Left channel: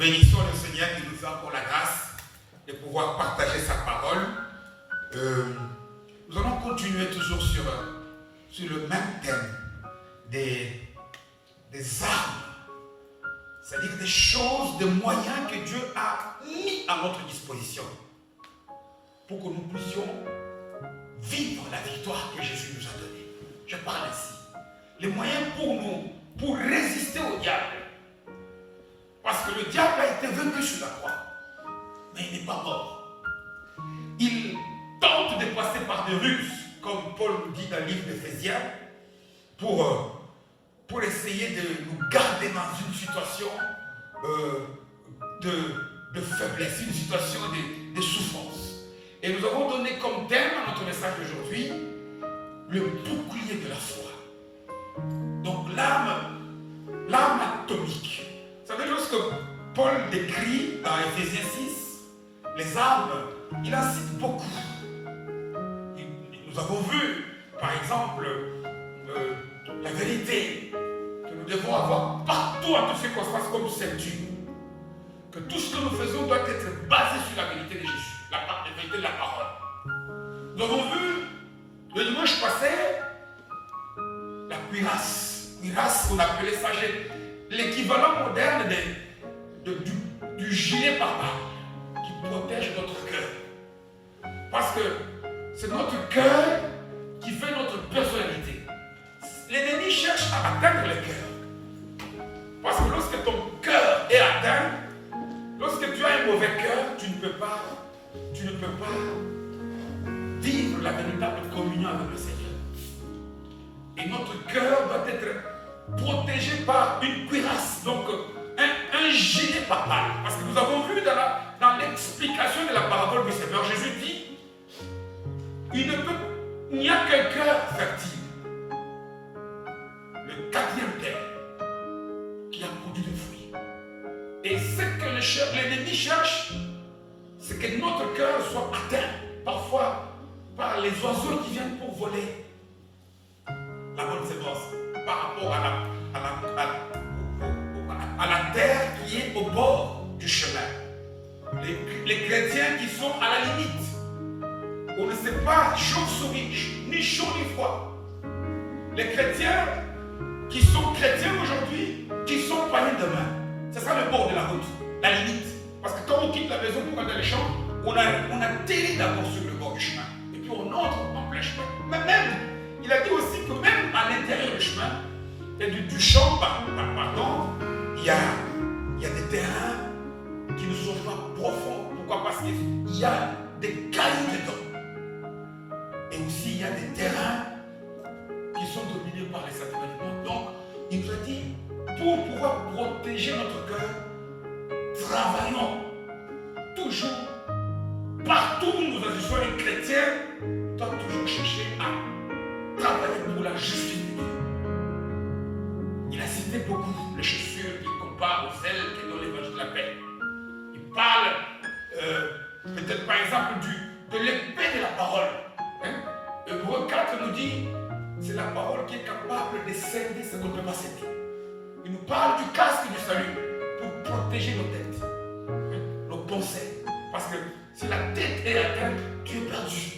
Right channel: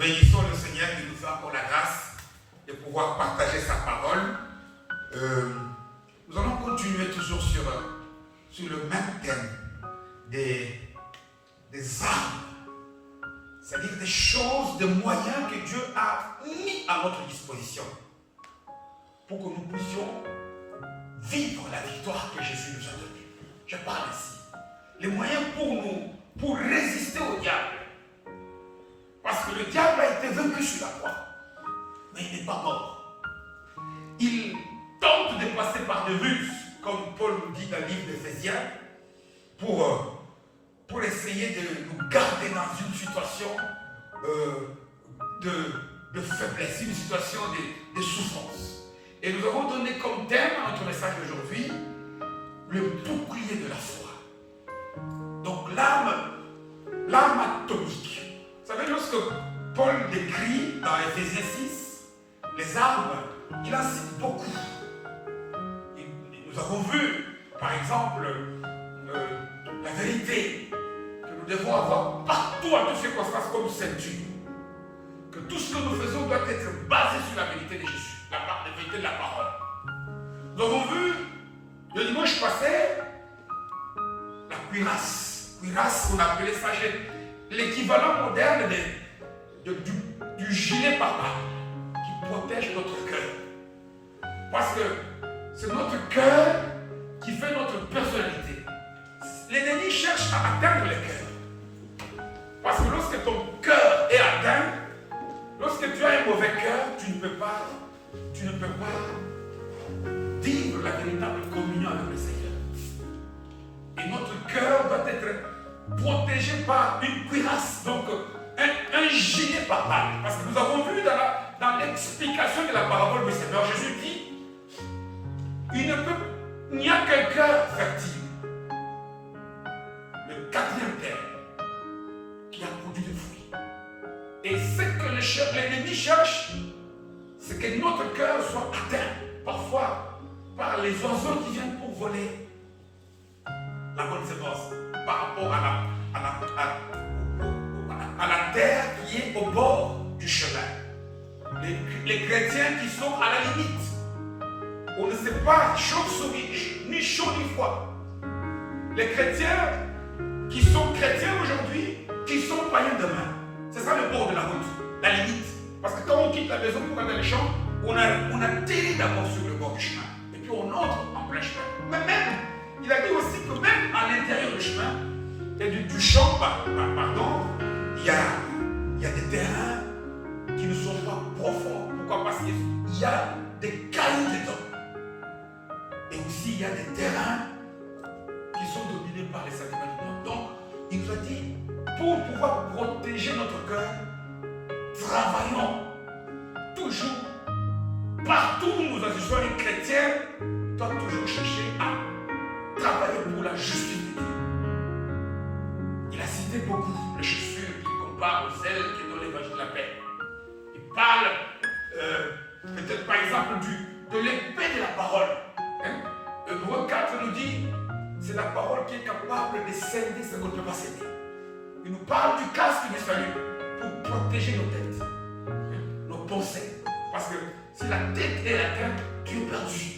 Bénissons le Seigneur qui nous fait encore la grâce de pouvoir partager sa parole. Nous allons continuer toujours sur le même thème des armes, c'est-à-dire des choses, des moyens que Dieu a mis à notre disposition pour que nous puissions vivre la victoire que Jésus nous a donnée. Je parle ici. Les moyens pour nous, pour résister au diable. Parce que le diable a été vaincu sur la croix. Mais il n'est pas mort. Il tente de passer par des ruses, comme Paul nous dit dans le livre d'Éphésiens, pour essayer de nous garder dans une situation de faiblesse, une situation de souffrance. Et nous avons donné comme thème à notre message d'aujourd'hui le bouclier de la foi. Donc l'arme atomique. Vous savez, lorsque Paul décrit dans Éphésiens 6 les armes, il en cite beaucoup. Nous avons vu, par exemple, la vérité que nous devons avoir partout à toutes circonstances comme ceinture. Que tout ce que nous faisons doit être basé sur la vérité de Jésus, la vérité de la parole. Nous avons vu le dimanche passé la cuirasse. Cuirasse, on appelait ça l'équivalent moderne du gilet pare-balles qui protège notre cœur. Parce que c'est notre cœur qui fait notre personnalité. L'ennemi cherche à atteindre le cœur. Parce que lorsque ton cœur est atteint, lorsque tu as un mauvais cœur, tu ne peux pas vivre la véritable communion avec le Seigneur. Et notre cœur doit être protégé par une cuirasse, donc un gilet pare-balles. Parce que nous avons vu dans l'explication de la parabole du Seigneur, Jésus dit, il n'y a qu'un cœur fertile. Le quatrième terre qui a produit des fruits. Et ce que l'ennemi cherche, c'est que notre cœur soit atteint, parfois par les oiseaux qui viennent pour voler la bonne sémence, par rapport à la terre qui est au bord du chemin. Les chrétiens qui sont à la limite, on ne sait pas chauve-souris, ni chaud ni froid. Les chrétiens qui sont chrétiens aujourd'hui, qui sont païens demain. C'est ça le bord de la route, la limite. Parce que quand on quitte la maison pour aller dans les champs, on atterrit d'abord sur le bord du chemin. Et puis on entre en plein chemin. Mais même, il a dit aussi que même à l'intérieur du chemin, et du champ, pardon, il y a des terrains qui ne sont pas profonds. Pourquoi? Parce qu'il y a des cailloux dedans. Et aussi, il y a des terrains qui sont dominés par les sacrements. Donc, il nous a dit, pour pouvoir protéger notre cœur, travaillons toujours, partout où nous agissons, les chrétiens doivent toujours chercher à travailler pour la justice de Dieu. Il a cité beaucoup les chaussures qu'il compare aux ailes qui donnent l'évangile de la paix. Il parle peut-être par exemple de l'épée de la parole. Hébreux 4 nous dit c'est la parole qui est capable de sceller ce qu'on ne peut pas sceller. Il nous parle du casque du salut pour protéger nos têtes, nos pensées. Parce que si la tête est atteinte, tu es perdu.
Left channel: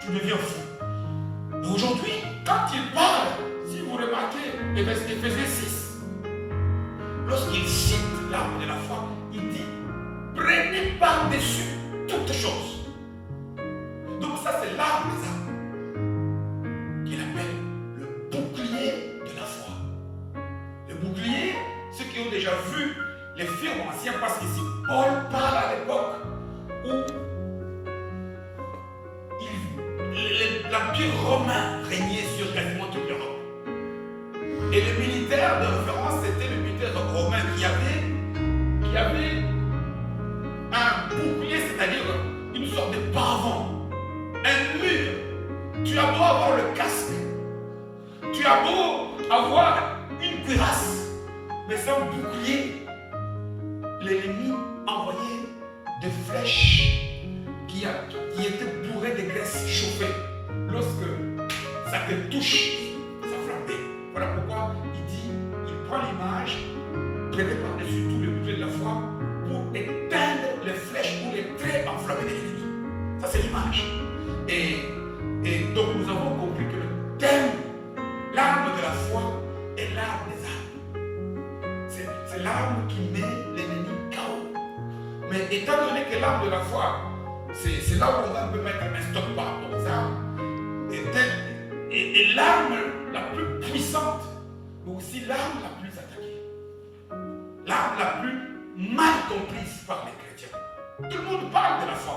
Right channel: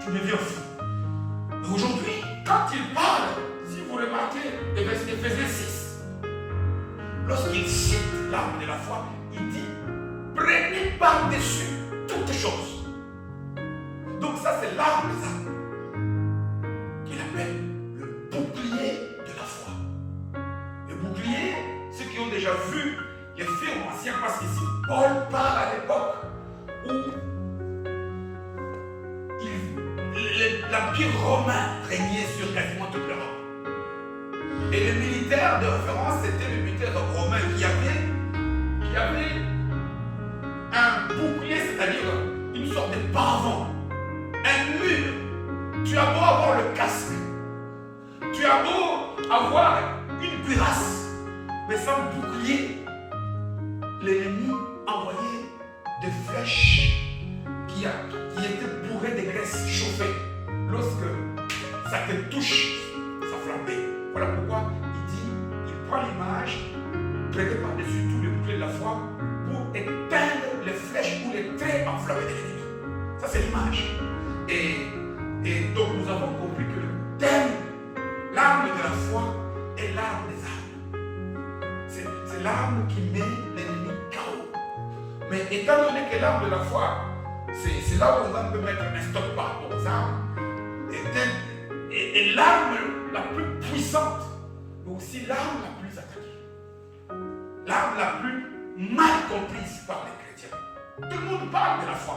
Tu deviens fou. Mais aujourd'hui, quand il parle, si vous remarquez Éphésiens 6, lorsqu'il cite l'arme de la foi, il dit prenez par-dessus toutes choses. Donc ça c'est l'arme des armes qu'il appelle le bouclier de la foi. Le bouclier, ceux qui ont déjà vu les films anciens, parce qu'ici Paul parle à l'époque où l'Empire romain régnait sur quasiment toute l'Europe. Et le militaire de référence, c'était le militaire romain qui avait un bouclier, c'est-à-dire une sorte de paravent, un mur. Tu as beau avoir le casque, tu as beau avoir une cuirasse, mais sans bouclier, l'ennemi envoyait des flèches qui étaient bourrées de graisse chauffée. Lorsque ça te touche, ça flambait. Voilà pourquoi il prend l'image, prêtée par-dessus tout le bouclier de la foi, pour éteindre les flèches ou les traits enflammés de l'ennemi. Ça, c'est l'image. Et donc, nous avons compris que le thème, l'arme de la foi, est l'arme des armes. C'est l'arme qui met l'ennemi KO. Mais étant donné que l'arme de la foi, c'est là où on peut mettre un stop par rapport aux armes, et l'arme la plus puissante, mais aussi l'arme la plus attaquée. L'arme la plus mal comprise par les chrétiens. Tout le monde parle de la foi.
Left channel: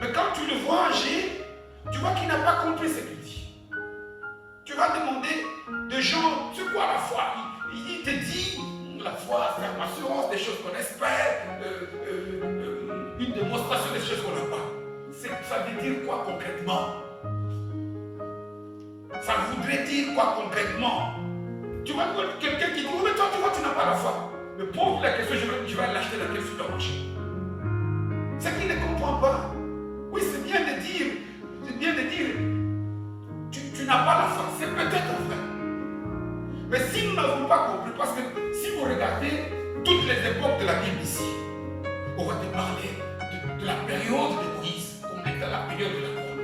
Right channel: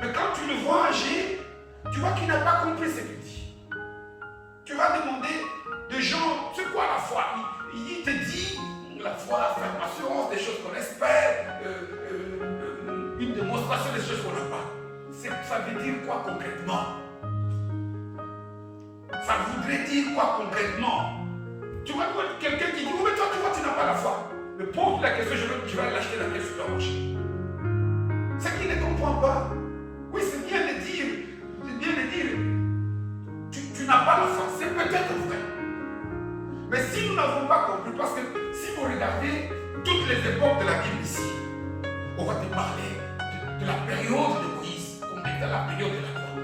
Mais quand tu le vois agir, tu vois qu'il n'a pas compris ce qu'il dit. Tu vas demander de gens, c'est quoi la foi? Il te dit, la foi, ferme assurance, des choses qu'on espère, une démonstration des choses qu'on n'a pas. Ça veut dire quoi concrètement? Ça voudrait dire quoi concrètement? Tu vas voir quelqu'un qui dit, oh, mais toi, tu vois, tu n'as pas la foi. Mais pose la question, je vais l'acheter dans quel supermarché? C'est qu'il ne comprend pas. Oui, c'est bien de dire, tu n'as pas la foi. C'est peut-être vrai. Mais si nous n'avons pas compris, parce que si vous regardez toutes les époques de la Bible ici, on va te parler de la période de Moïse, comme était la période de la croix,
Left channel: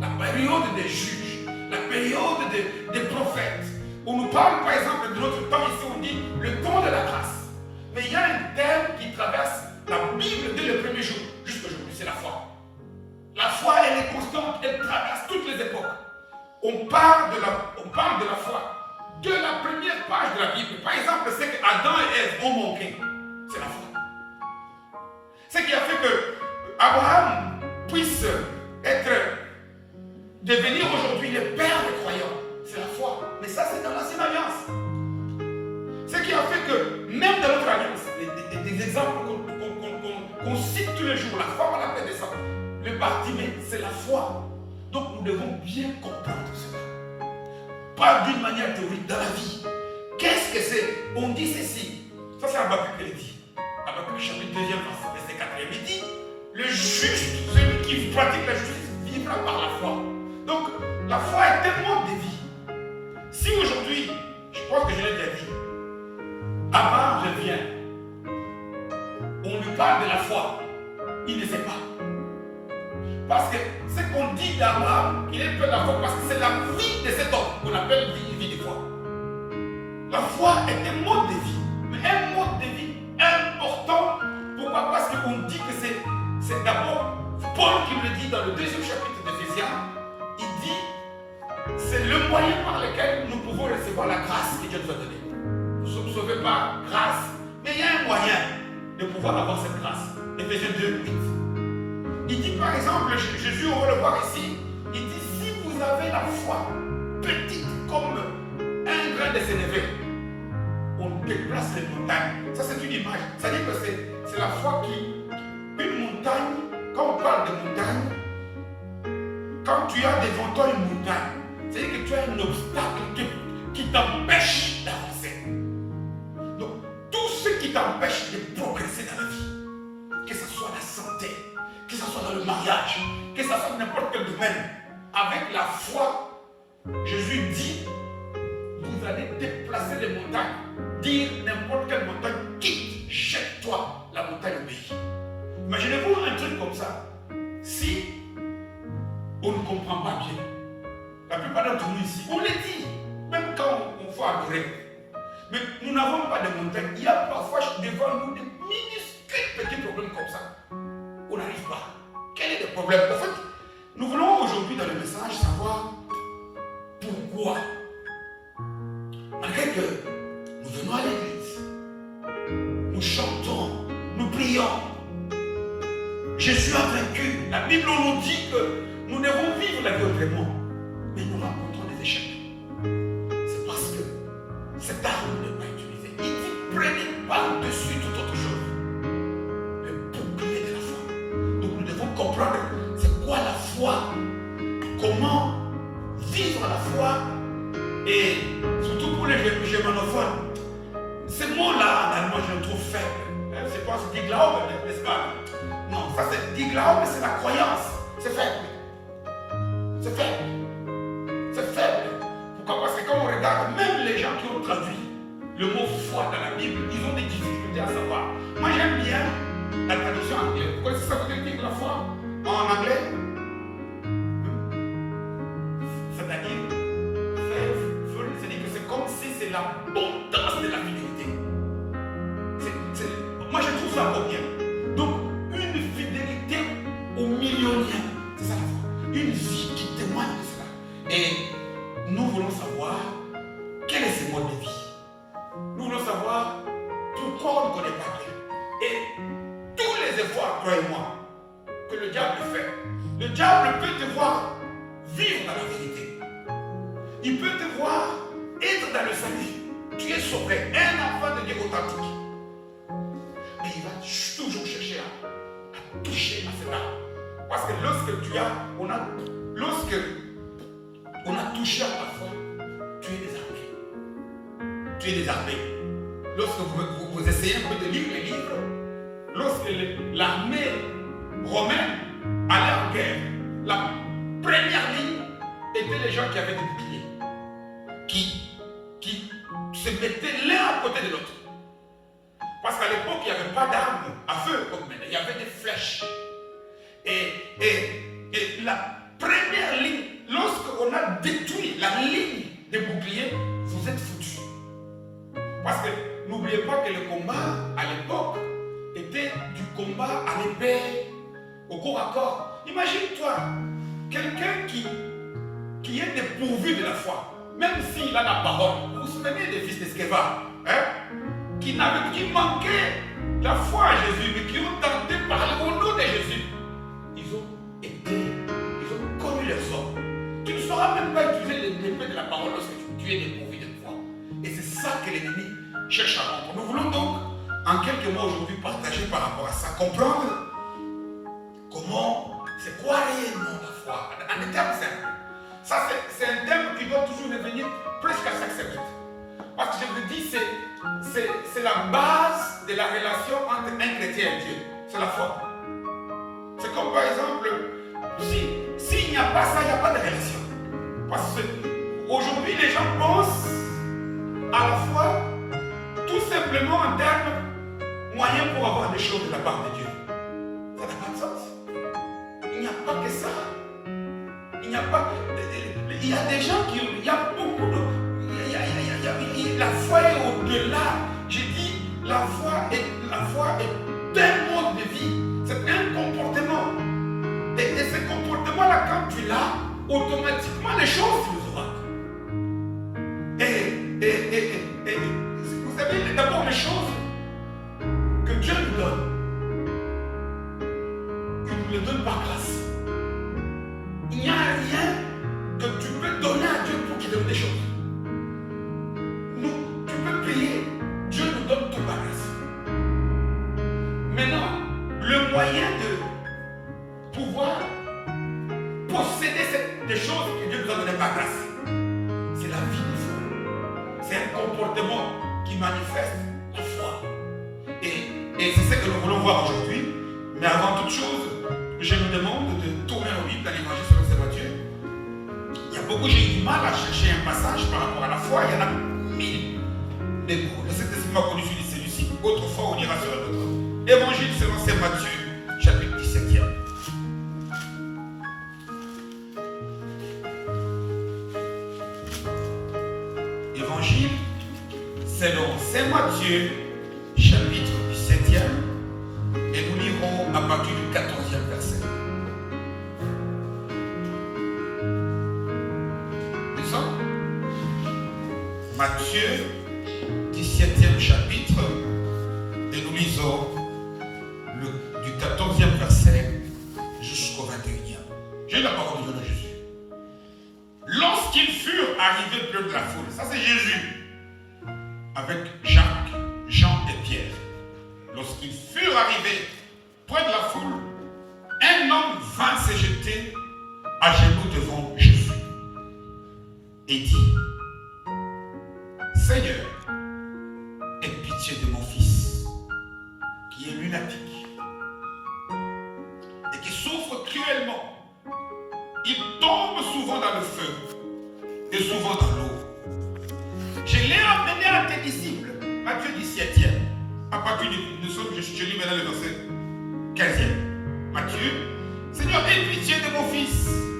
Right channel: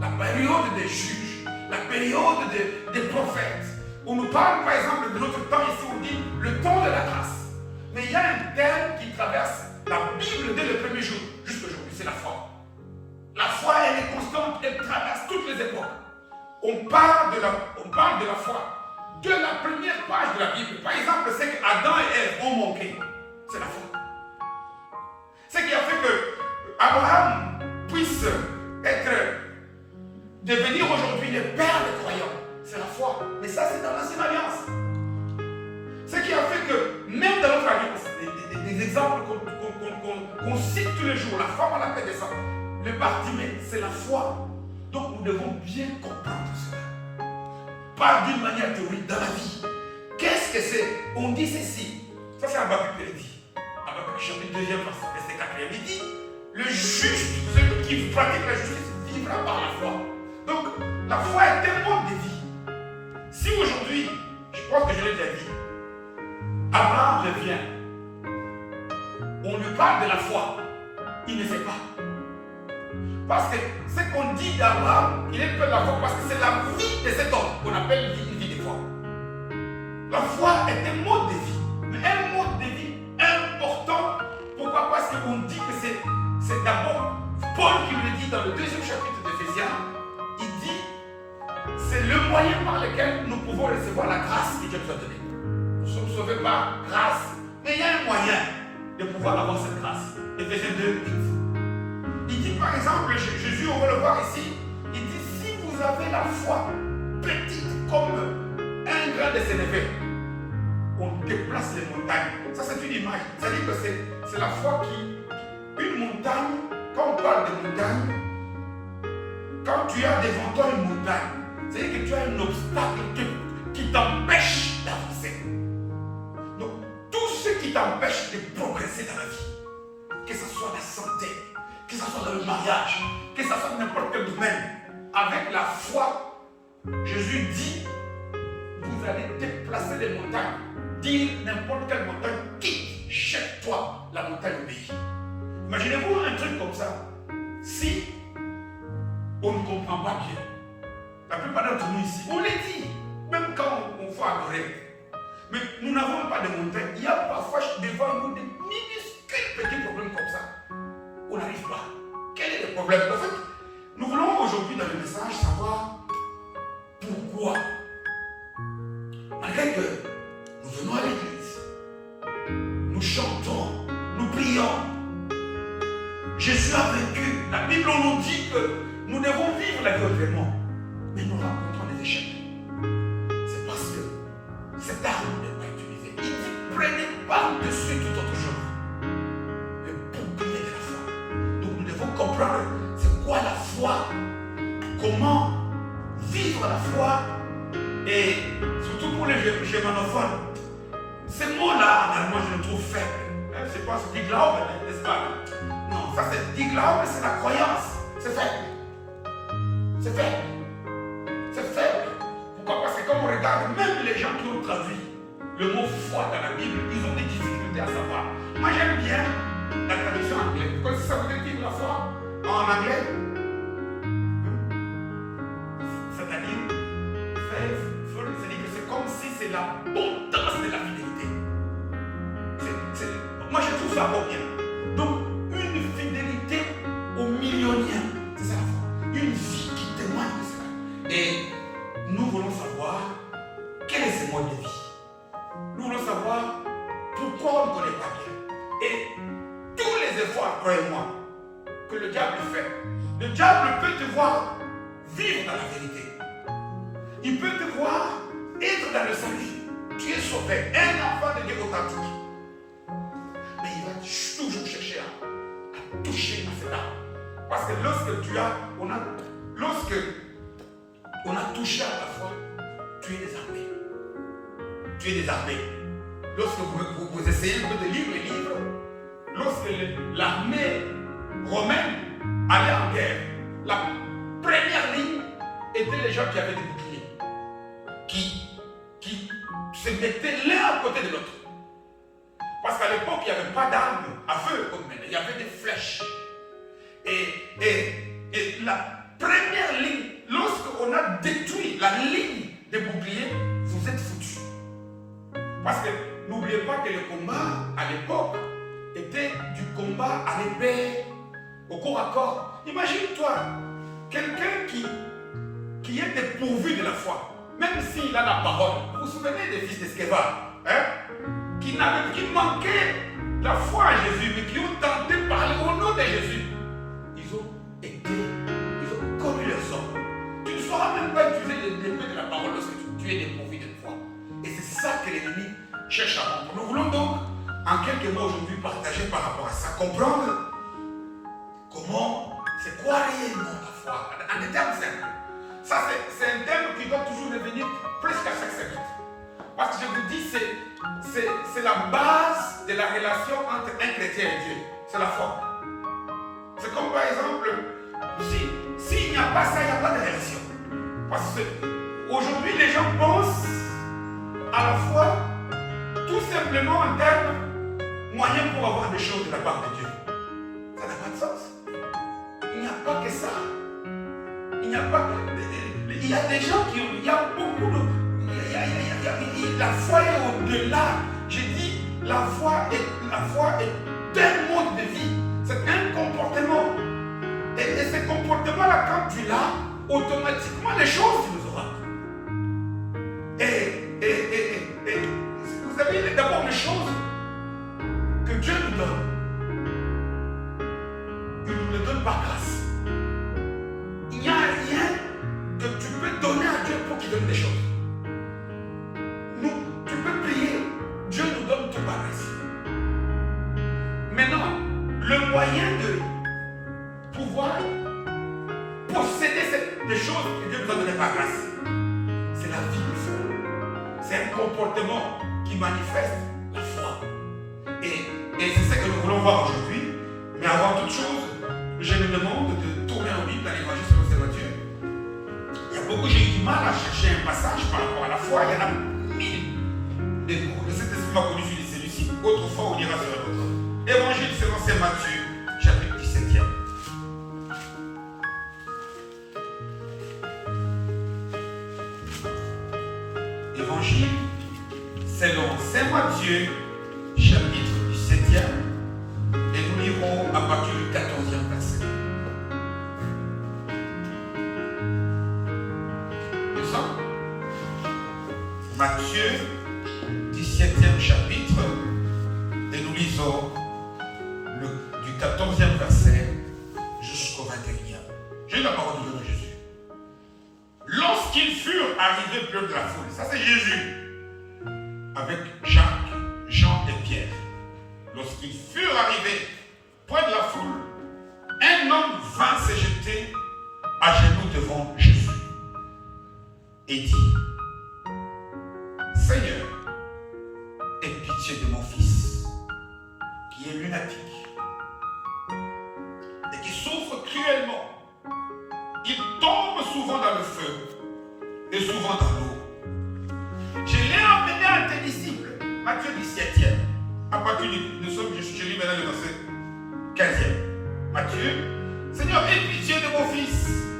la période des juges, la période des prophètes. On nous parle par exemple de notre temps ici, on dit le temps de la grâce. Mais il y a un thème qui traverse la Bible dès le premier jour, jusqu'à aujourd'hui, c'est la foi. La foi, elle est constante, elle traverse toutes les époques. On parle de la foi de la première page de la Bible. Par exemple, c'est qu'Adam et Ève ont manqué. C'est la foi. Ce qui a fait que Abraham puisse devenir aujourd'hui le père des croyants. C'est la foi. Mais ça, c'est dans l'ancienne alliance. Ce qui a fait que, même dans notre alliance, des exemples qu'on cite tous les jours, la foi, on l'appelle des exemples. Le Bartimée, c'est la foi. Donc nous devons bien comprendre cela. Pas d'une manière théorique, dans la vie. Qu'est-ce que c'est? On dit ceci. Ça, c'est Habakkuk qui le dit. Habakkuk chapitre 2, verset 4. Il dit, le juste, celui qui pratique la justice, vivra par la foi. Donc, la foi est un mode de vie. Si aujourd'hui, je pense que je l'ai déjà dit, Abraham revient, on lui parle de la foi, il ne sait pas. Parce que ce qu'on dit d'Abraham, il est de la foi parce que c'est la vie de cet homme qu'on appelle une vie de foi. La foi est un mode de vie, mais un mode de vie important. Pourquoi? Parce qu'on dit que c'est d'abord Paul qui le dit dans le 2e chapitre d'Éphésiens. Il dit c'est le moyen par lequel nous pouvons recevoir la grâce que Dieu nous a donnée. Nous sommes sauvés par grâce, mais il y a un moyen de pouvoir avoir cette grâce. Éphésiens 2, 8. Il dit par exemple, Jésus, on va le voir ici, il dit si vous avez la foi petite comme un grain de sénévé, on déplace les montagnes. Ça c'est une image. C'est-à-dire que c'est la foi qui, une montagne, quand on parle de montagne, quand tu as devant toi une montagne, c'est-à-dire que tu as un obstacle qui t'empêche d'avancer. Donc tout ce qui t'empêche de progresser dans la vie, que ce soit la santé, que ce soit dans le mariage, que ce soit dans n'importe quel domaine, avec la foi, Jésus dit, vous allez déplacer les montagnes, dire n'importe quelle montagne, quitte, jette-toi, la montagne obéit. Imaginez-vous un truc comme ça, si on ne comprend pas bien, la plupart d'entre nous ici, on les dit, même quand on faut adorer, mais nous n'avons pas de montagne, il y a parfois devant nous des minuscules petits problèmes comme ça. On n'arrive pas. Quel est le problème? En fait, nous voulons aujourd'hui dans le message savoir pourquoi, malgré que nous venons à l'église, nous chantons, nous prions, Jésus a vaincu. La Bible nous dit que nous devons vivre la vie autrement, mais nous rencontrons des échecs. C'est parce que cette arme n'est pas utilisée. Il dit, prenez par-dessus toute autre chose le bouclier de la foi. Donc nous devons comprendre c'est quoi la foi, comment vivre la foi, et surtout pour les germanophones. Ces mots-là, en allemand, je le trouve faible. C'est pas die Glaube, n'est-ce pas? Non, ça c'est die Glaube, c'est la croyance. C'est faible. C'est faible. C'est faible. Pourquoi? Parce que quand on regarde, même les gens qui ont traduit le mot foi dans la Bible, ils ont des difficultés à savoir. Moi, j'aime bien la traduction anglaise. Vous connaissez ça veut dire la foi en anglais? C'est-à-dire, c'est-à-dire que c'est comme si c'est l'abondance de la fidélité. Moi, je trouve ça pas bien. Donc, une fidélité au millionnaire, c'est ça la foi. Une vie qui témoigne de cela. Et nous voulons savoir quel est ce mode de vie. Nous voulons savoir pourquoi on ne connaît pas bien. Et tous les efforts, toi et moi, que le diable fait, le diable peut te voir vivre dans la vérité. Il peut te voir être dans le salut. Tu es sauvé, un enfant de Dieu authentique. Mais il va toujours chercher à toucher à cette âme. Parce que lorsque on a touché à ta foi, tu es désarmé. Tu es désarmé. Lorsque vous essayez un peu de lire les livres, lorsque l'armée romaine allait en guerre, la première ligne était les gens qui avaient des boucliers, qui se mettaient l'un à côté de l'autre. Parce qu'à l'époque, il n'y avait pas d'armes à feu comme maintenant, il y avait des flèches. Et la première ligne, lorsqu'on a détruit la ligne des boucliers, vous êtes foutus. Parce que n'oubliez pas que le combat à l'époque était du combat à l'épée, au corps à corps. Imagine-toi, quelqu'un qui est dépourvu de la foi, même s'il a la parole. Vous vous souvenez des fils d'Esqueva, hein? Qui manquaient la foi à Jésus, mais qui ont tenté de parler au nom de Jésus. Ils ont connu leur sort. Tu ne sauras même pas utiliser l'épée de la parole lorsque tu es dépourvu de foi. Et c'est ça que l'ennemi cherche à rendre. Nous voulons donc, en quelques mots aujourd'hui, partager par rapport à ça, comprendre comment, c'est quoi réellement la foi, en des termes simples. Ça, c'est un terme qui doit toujours revenir presque à chaque chapitre. Parce que je vous dis, c'est la base de la relation entre un chrétien et Dieu. C'est la foi. C'est comme par exemple, s'il n'y a pas ça, il n'y a pas de relation. Parce qu'aujourd'hui, les gens pensent à la foi tout simplement en termes moyens pour avoir des choses de la part de Dieu. Ça n'a pas de sens. Il n'y a pas que ça. Il n'y a pas. Il y a des gens qui. Il y a beaucoup de. La foi est au-delà. J'ai dit, la foi est un mode de vie. C'est un comportement. Et ce comportement-là, quand tu l'as, automatiquement les choses tu les auras. Et vous savez, d'abord les choses que Dieu nous donne, il nous les donne par grâce. Il n'y a rien que tu peux donner à Dieu pour qu'il donne des choses. Tu peux prier, Dieu nous donne tout par grâce. Maintenant, le moyen de pouvoir posséder des choses que Dieu nous a données par grâce, c'est la vie de foi. C'est un comportement qui manifeste la foi. Et c'est ce que nous voulons voir aujourd'hui. Mais avant toute chose, je me demande de tourner au livre dans l'Évangile selon Saint Matthieu. Il y a beaucoup, j'ai eu du mal à chercher un passage par rapport à la foi. Il y en a 1000 de mots. Mais c'était seulement connu sur celui-ci. Autrefois, on ira sur un autre. Évangile selon Saint Matthieu, chapitre 17e. Évangile selon Saint Matthieu, chapitre 17e. Et nous lirons à partir du 14e verset. Descends. Matthieu, 17e chapitre. Et nous lisons du 14e verset jusqu'au 21e. J'ai eu la parole de Dieu de Jésus. Lorsqu'ils furent arrivés près de la foule, ça c'est Jésus, avec Jacques, Jean et Pierre. Lorsqu'ils furent arrivés près de la foule, un homme vint se jeter à genoux devant Jésus et dit, Seigneur, aie pitié de mon fils, qui est lunatique et qui souffre cruellement. Il tombe souvent dans le feu et souvent dans l'eau. Je l'ai emmené à tes disciples, Matthieu 17e, à partir du je lis maintenant le verset 15e. Matthieu, Seigneur, aie pitié de mon fils,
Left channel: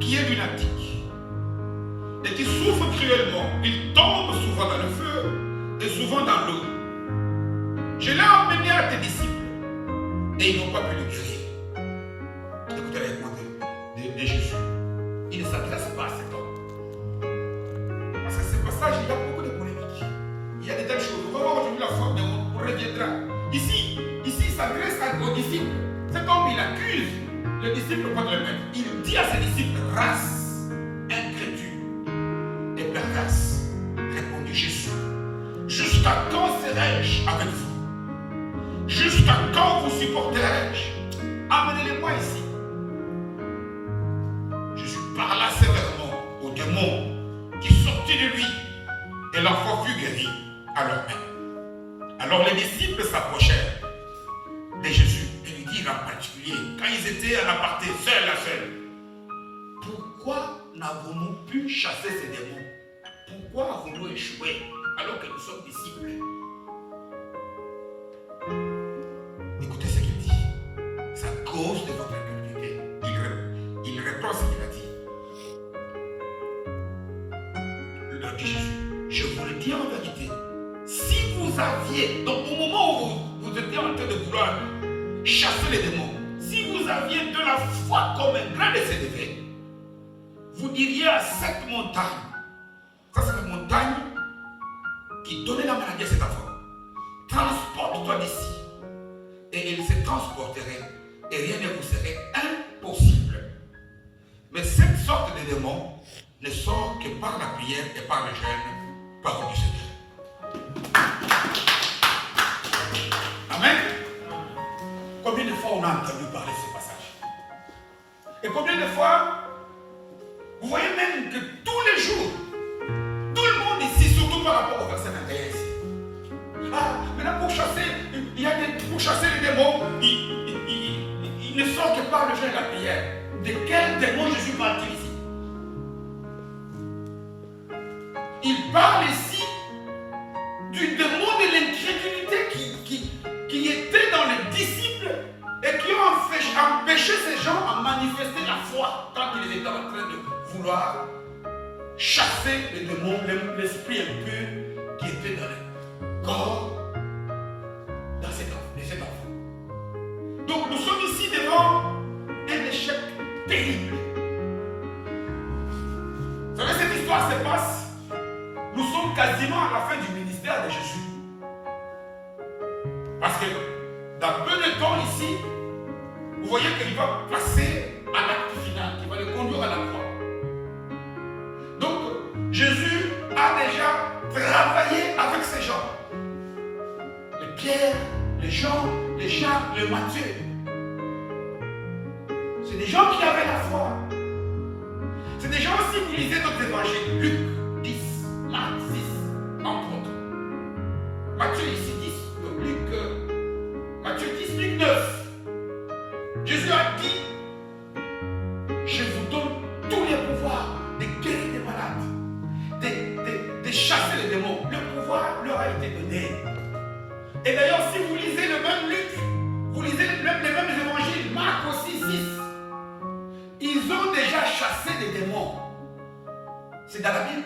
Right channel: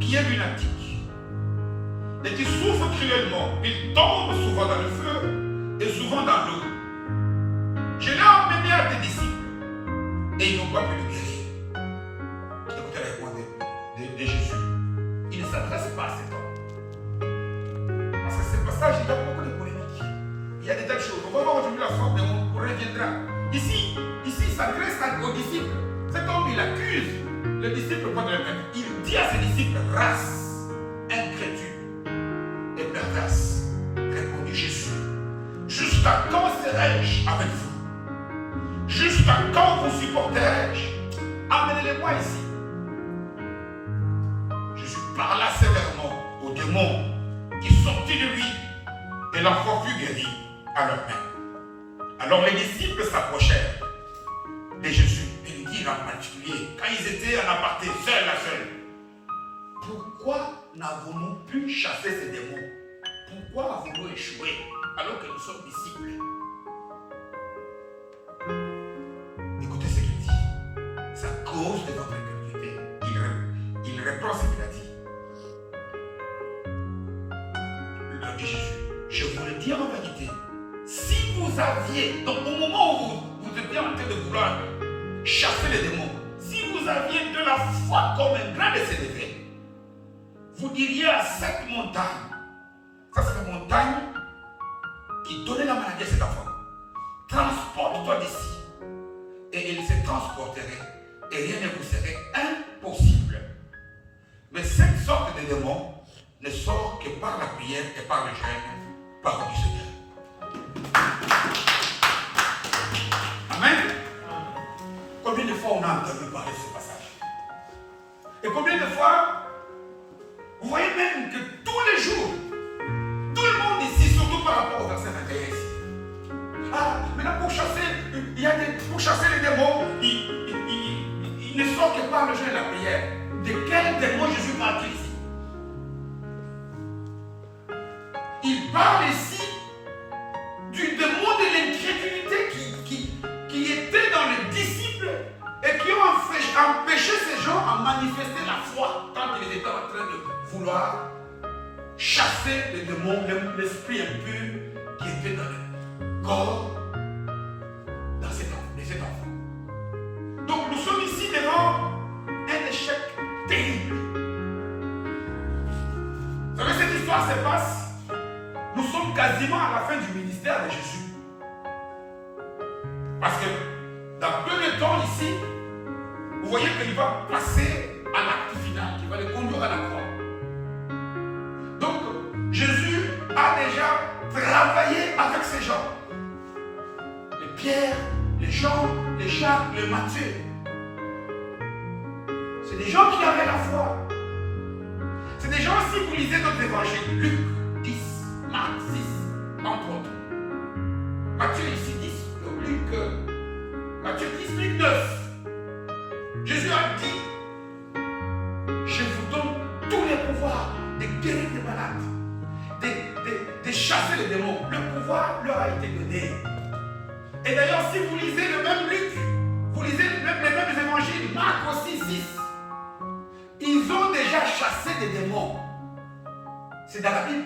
qui est lunatique et qui souffre cruellement. Il tombe souvent dans le feu et souvent dans l'eau. Je l'ai emmené à tes disciples et ils n'ont pas pu le guérir. Écoutez la réponse de Jésus. Il ne s'adresse pas à cet homme. Parce que ce passage, il y a beaucoup de polémiques. Il y a des telles choses. On va voir aujourd'hui la forme, mais on reviendra. Ici, il s'adresse aux disciples. Cet homme, il accuse le disciple contre le même. Il dit à ses disciples, race incrédule et perverse, répondit Jésus. Jusqu'à quand serai-je avec vous? Jusqu'à quand vous supporterai-je? Amenez-les-moi ici. Jésus parla sévèrement au démon qui sortit de lui et la foi fut guérie à leur main. Alors les disciples s'approchèrent de Jésus et lui dirent en particulier, quand ils étaient en aparté, seuls à seul, pourquoi n'avons-nous pu chasser ces démons? Pourquoi avons-nous échoué alors que nous sommes disciples? Écoutez ce qu'il dit. C'est à cause de votre incrédulité. Il répond ce qu'il a dit. Il leur dit Jésus, je vous le dis en vérité, si vous aviez, donc au moment où vous étiez en train de vouloir chasser les démons, si vous aviez de la foi comme un grain de sénévé, vous diriez à cette montagne, ça c'est la montagne qui donnait la maladie à cet enfant, transporte-toi d'ici. Et il se transporterait et rien ne vous serait impossible. Mais cette sorte de démon ne sort que par la prière et par le jeûne, parole du Seigneur. Amen. Combien de fois on a entendu parler de ce passage? Et combien de fois vous voyez même que tous les jours, tout le monde ici, surtout par rapport au verset 21 ici. Ah, maintenant pour chasser, pour chasser les démons, il ne sort que par le jeûne et la prière. De quel démon Jésus parle-t-il ici? Il parle ici du démon de l'incrédulité qui était dans les disciples et qui ont empêché ces gens à manifester la foi quand ils étaient en train de vouloir chasser les démons, l'esprit impur qui était dans le corps dans cet enfant. Donc nous sommes ici devant un échec terrible. Vous savez, cette histoire se passe, nous sommes quasiment à la fin du ministère de Jésus. Parce que dans peu de temps ici, vous voyez qu'il va passer à l'acte final, qui va le conduire à la croix. Donc, Jésus a déjà travaillé avec ces gens. Les Pierre, les Jean, les Jacques, les Matthieu. C'est des gens qui avaient la foi. C'est des gens, si vous lisez notre évangile, Luc 10, Marc 6, entre autres. Matthieu ici 10, Matthieu 10, Luc 9. Jésus a dit, je vous donne tous les pouvoirs de guérir des malades, de chasser les démons. Le pouvoir leur a été donné. Et d'ailleurs, si vous lisez le même Luc, vous lisez même les mêmes évangiles, Marc aussi 6, ils ont déjà chassé des démons. C'est dans la Bible.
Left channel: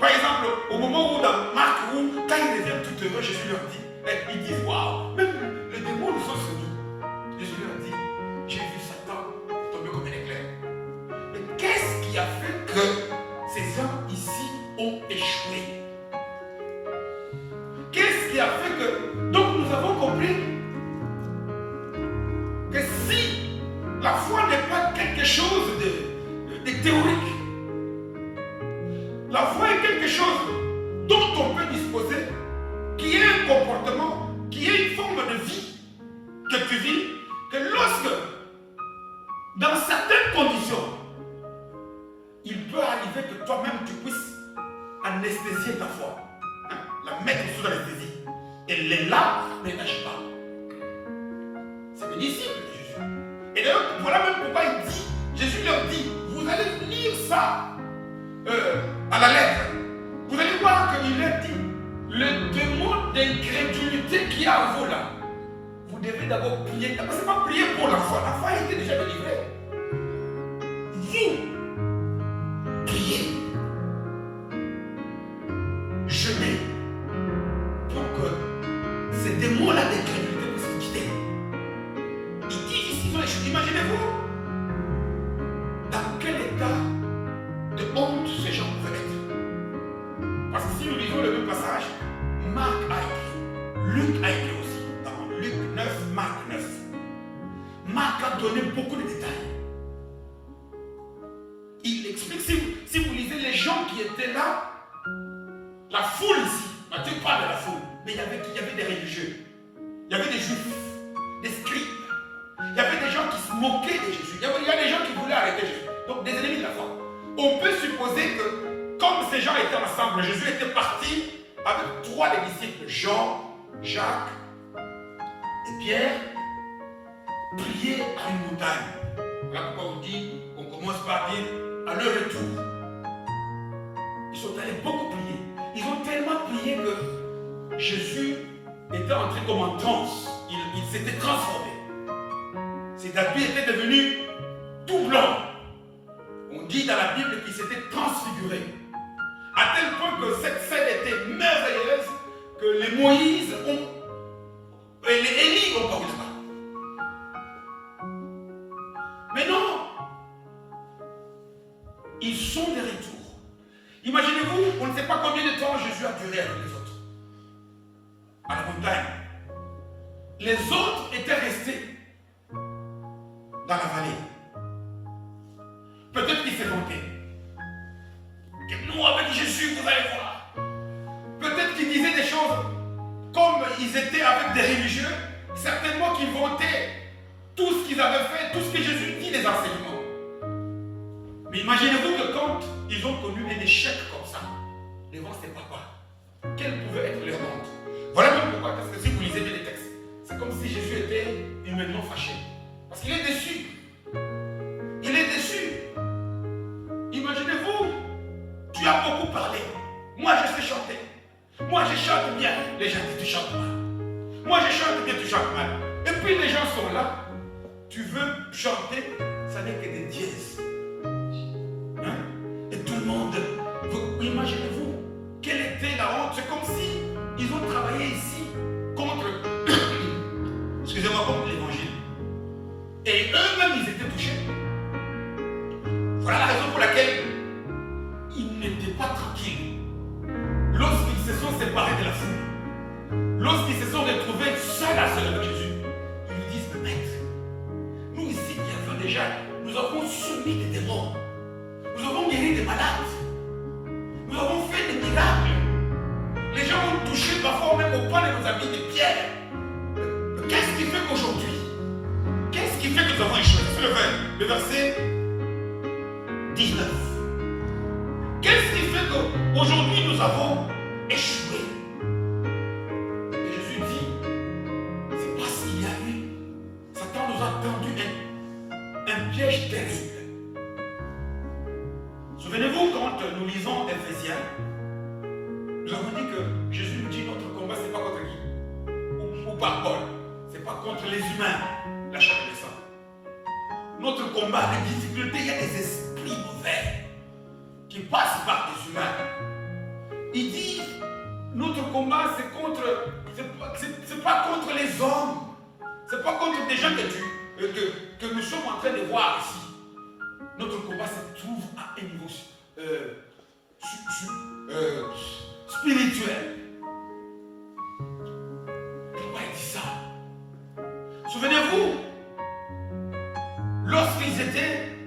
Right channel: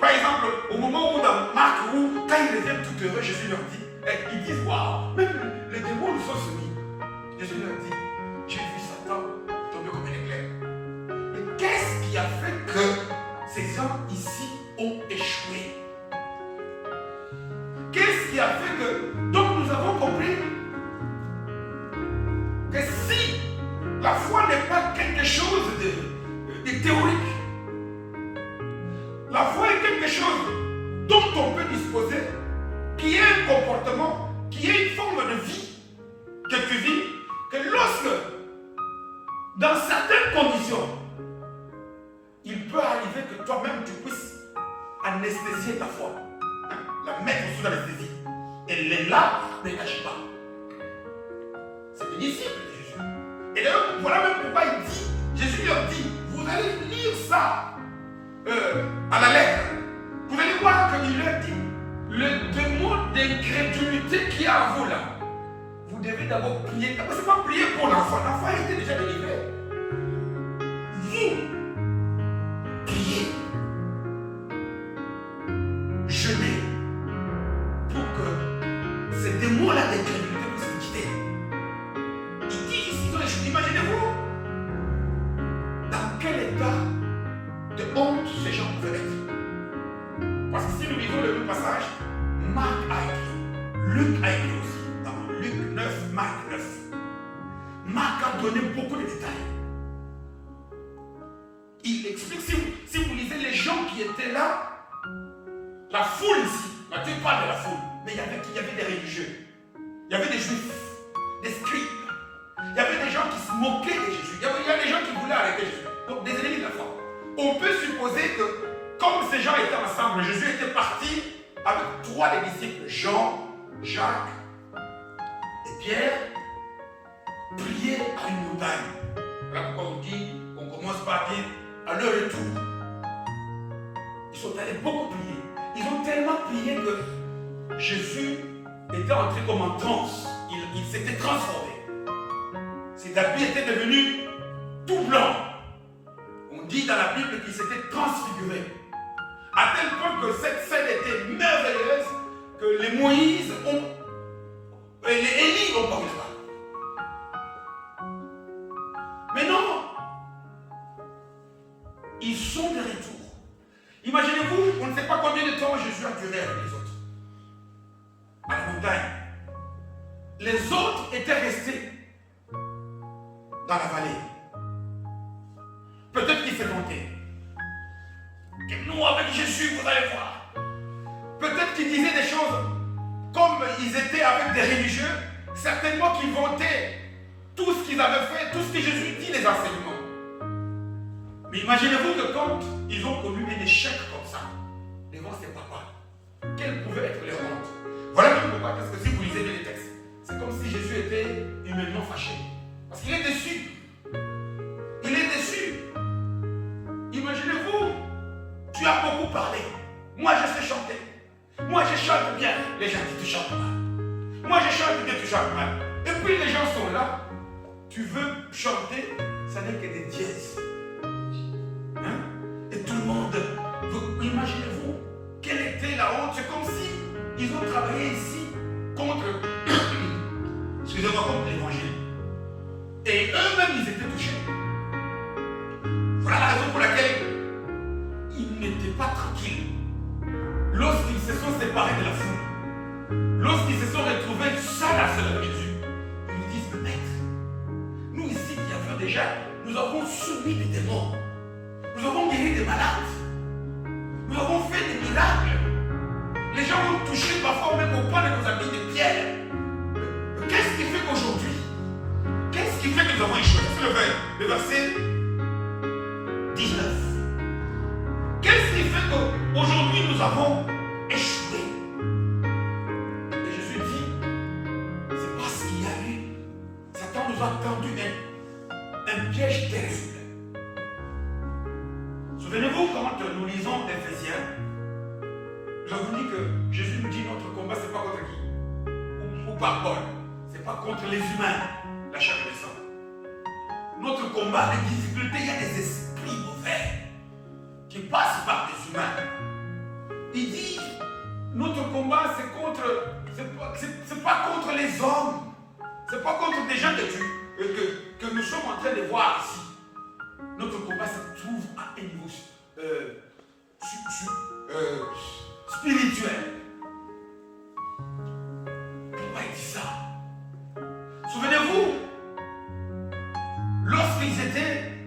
Par exemple, au moment où dans Marc, quand ils reviennent tout heureux, Jésus leur dit, ils disent, waouh, même les démons nous sont soumis. Jésus leur dit, j'ai vu Satan tomber comme un éclair. Mais qu'est-ce qui a fait que ces gens ici ont échoué? Qu'est-ce qui a fait que... Donc nous avons compris que si La foi n'est pas quelque chose de théorique. La foi est quelque chose dont on peut disposer, qui est un comportement, qui est une forme de vie que tu vis, que lorsque, dans certaines conditions, il peut arriver que toi-même tu puisses anesthésier ta foi, hein, la mettre sous anesthésie. Elle est là, ne n'agit pas. C'est le disciple de Jésus. Et d'ailleurs, voilà même pourquoi il dit, Jésus leur dit, vous allez lire ça à la lettre. Vous allez voir qu'il leur dit, le démon d'incrédulité qu'il y a en vous là, vous devez d'abord prier. Ce n'est pas prier pour l'enfant. L'enfant a été déjà délivré. Vous, priez. Jeûnez pour que ces démons-là d'incrédulité puissent se quitter. Ils disent ici, ils ont échoué. Imaginez-vous dans quel état de honte ces gens pouvaient être. Parce que si nous lisons le même passage, Marc a écrit, Luc a écrit aussi. Dans Luc 9, Marc 9. Marc a donné beaucoup de détails. Il explique, si vous lisez les gens qui étaient là, la foule ici, Matthieu parle de la foule, mais il y avait des religieux, il y avait des juifs, des scribes, il y avait des gens qui se moquaient de Jésus, il y a des gens qui voulaient arrêter Jésus, donc des ennemis de la foi. On peut supposer que, comme ces gens étaient ensemble, Jésus était parti avec 3 des disciples, Jean, Jacques et Pierre, prier à une montagne. Voilà pourquoi on dit, on commence par dire, à leur retour, ils sont allés beaucoup prier. Ils ont tellement prié que Jésus était entré comme en transe. Il s'était transformé. Ses habits étaient devenus tout blancs. On dit dans la Bible qu'il s'était transfiguré. À tel point que cette scène était merveilleuse que les Moïse et les Élie ont paru là-bas. Mais non, ils sont de retour. Imaginez-vous, on ne sait pas combien de temps Jésus a duré avec les autres. À la montagne. Les autres étaient restés dans la vallée. Peut-être qu'ils s'est vanté. Que nous, avec Jésus, vous allez voir. Peut-être qu'ils disaient des choses comme ils étaient avec des religieux. Certainement qu'ils vantaient tout ce qu'ils avaient fait, tout ce que Jésus dit, les enseignements. Mais imaginez-vous que quand ils ont connu un échec comme ça, devant ces papas, quelle pouvait être leur honte? Voilà même pourquoi, parce que si vous lisez bien les textes, c'est comme si Jésus était humainement fâché. Parce qu'il est déçu. Il est déçu. Imaginez-vous, tu as beaucoup parlé. Moi, je sais chanter. Moi, je chante bien. Les gens disent, tu chantes mal. Moi, je chante bien, tu chantes mal. Et puis, les gens sont là. Tu veux chanter, ça n'est que des dièses. Hein? Et tout le monde, imaginez-vous, quelle était la honte? C'est comme si ils ont travaillé ici contre, excusez-moi, contre l'évangile. Et eux-mêmes, ils étaient touchés. Voilà la raison pour laquelle ils n'étaient pas tranquilles. Lorsqu'ils se sont séparés de la foule, lorsqu'ils se sont retrouvés seuls à seul avec Jésus, ils lui disent, maître, nous ici qui avons déjà, nous avons soumis des démons. Nous avons guéri des malades. Nous avons fait des miracles. Les gens ont touché parfois même au point de nos habits de pierre. Qu'est-ce qui fait qu'aujourd'hui, qu'est-ce qui fait que nous avons échoué? C'est le verset 19. Qu'est-ce qui fait qu'aujourd'hui nous avons échoué? Et Jésus dit, c'est parce qu'il y a eu, Satan nous a tendu un piège terrible. Souvenez-vous, quand nous lisons Éphésiens, nous avons dit que Jésus nous dit notre combat, ce n'est pas contre qui? Ou par Paul. Ce n'est pas contre les humains, la chair et le sang. Notre combat, les difficultés, il y a des esprits mauvais qui passent par des humains. Il dit, notre combat, c'est pas contre les hommes. Ce n'est pas contre des gens que nous sommes en train de voir ici. Notre combat se trouve à un niveau spirituel. Pourquoi il dit ça? Souvenez-vous, lorsqu'ils étaient,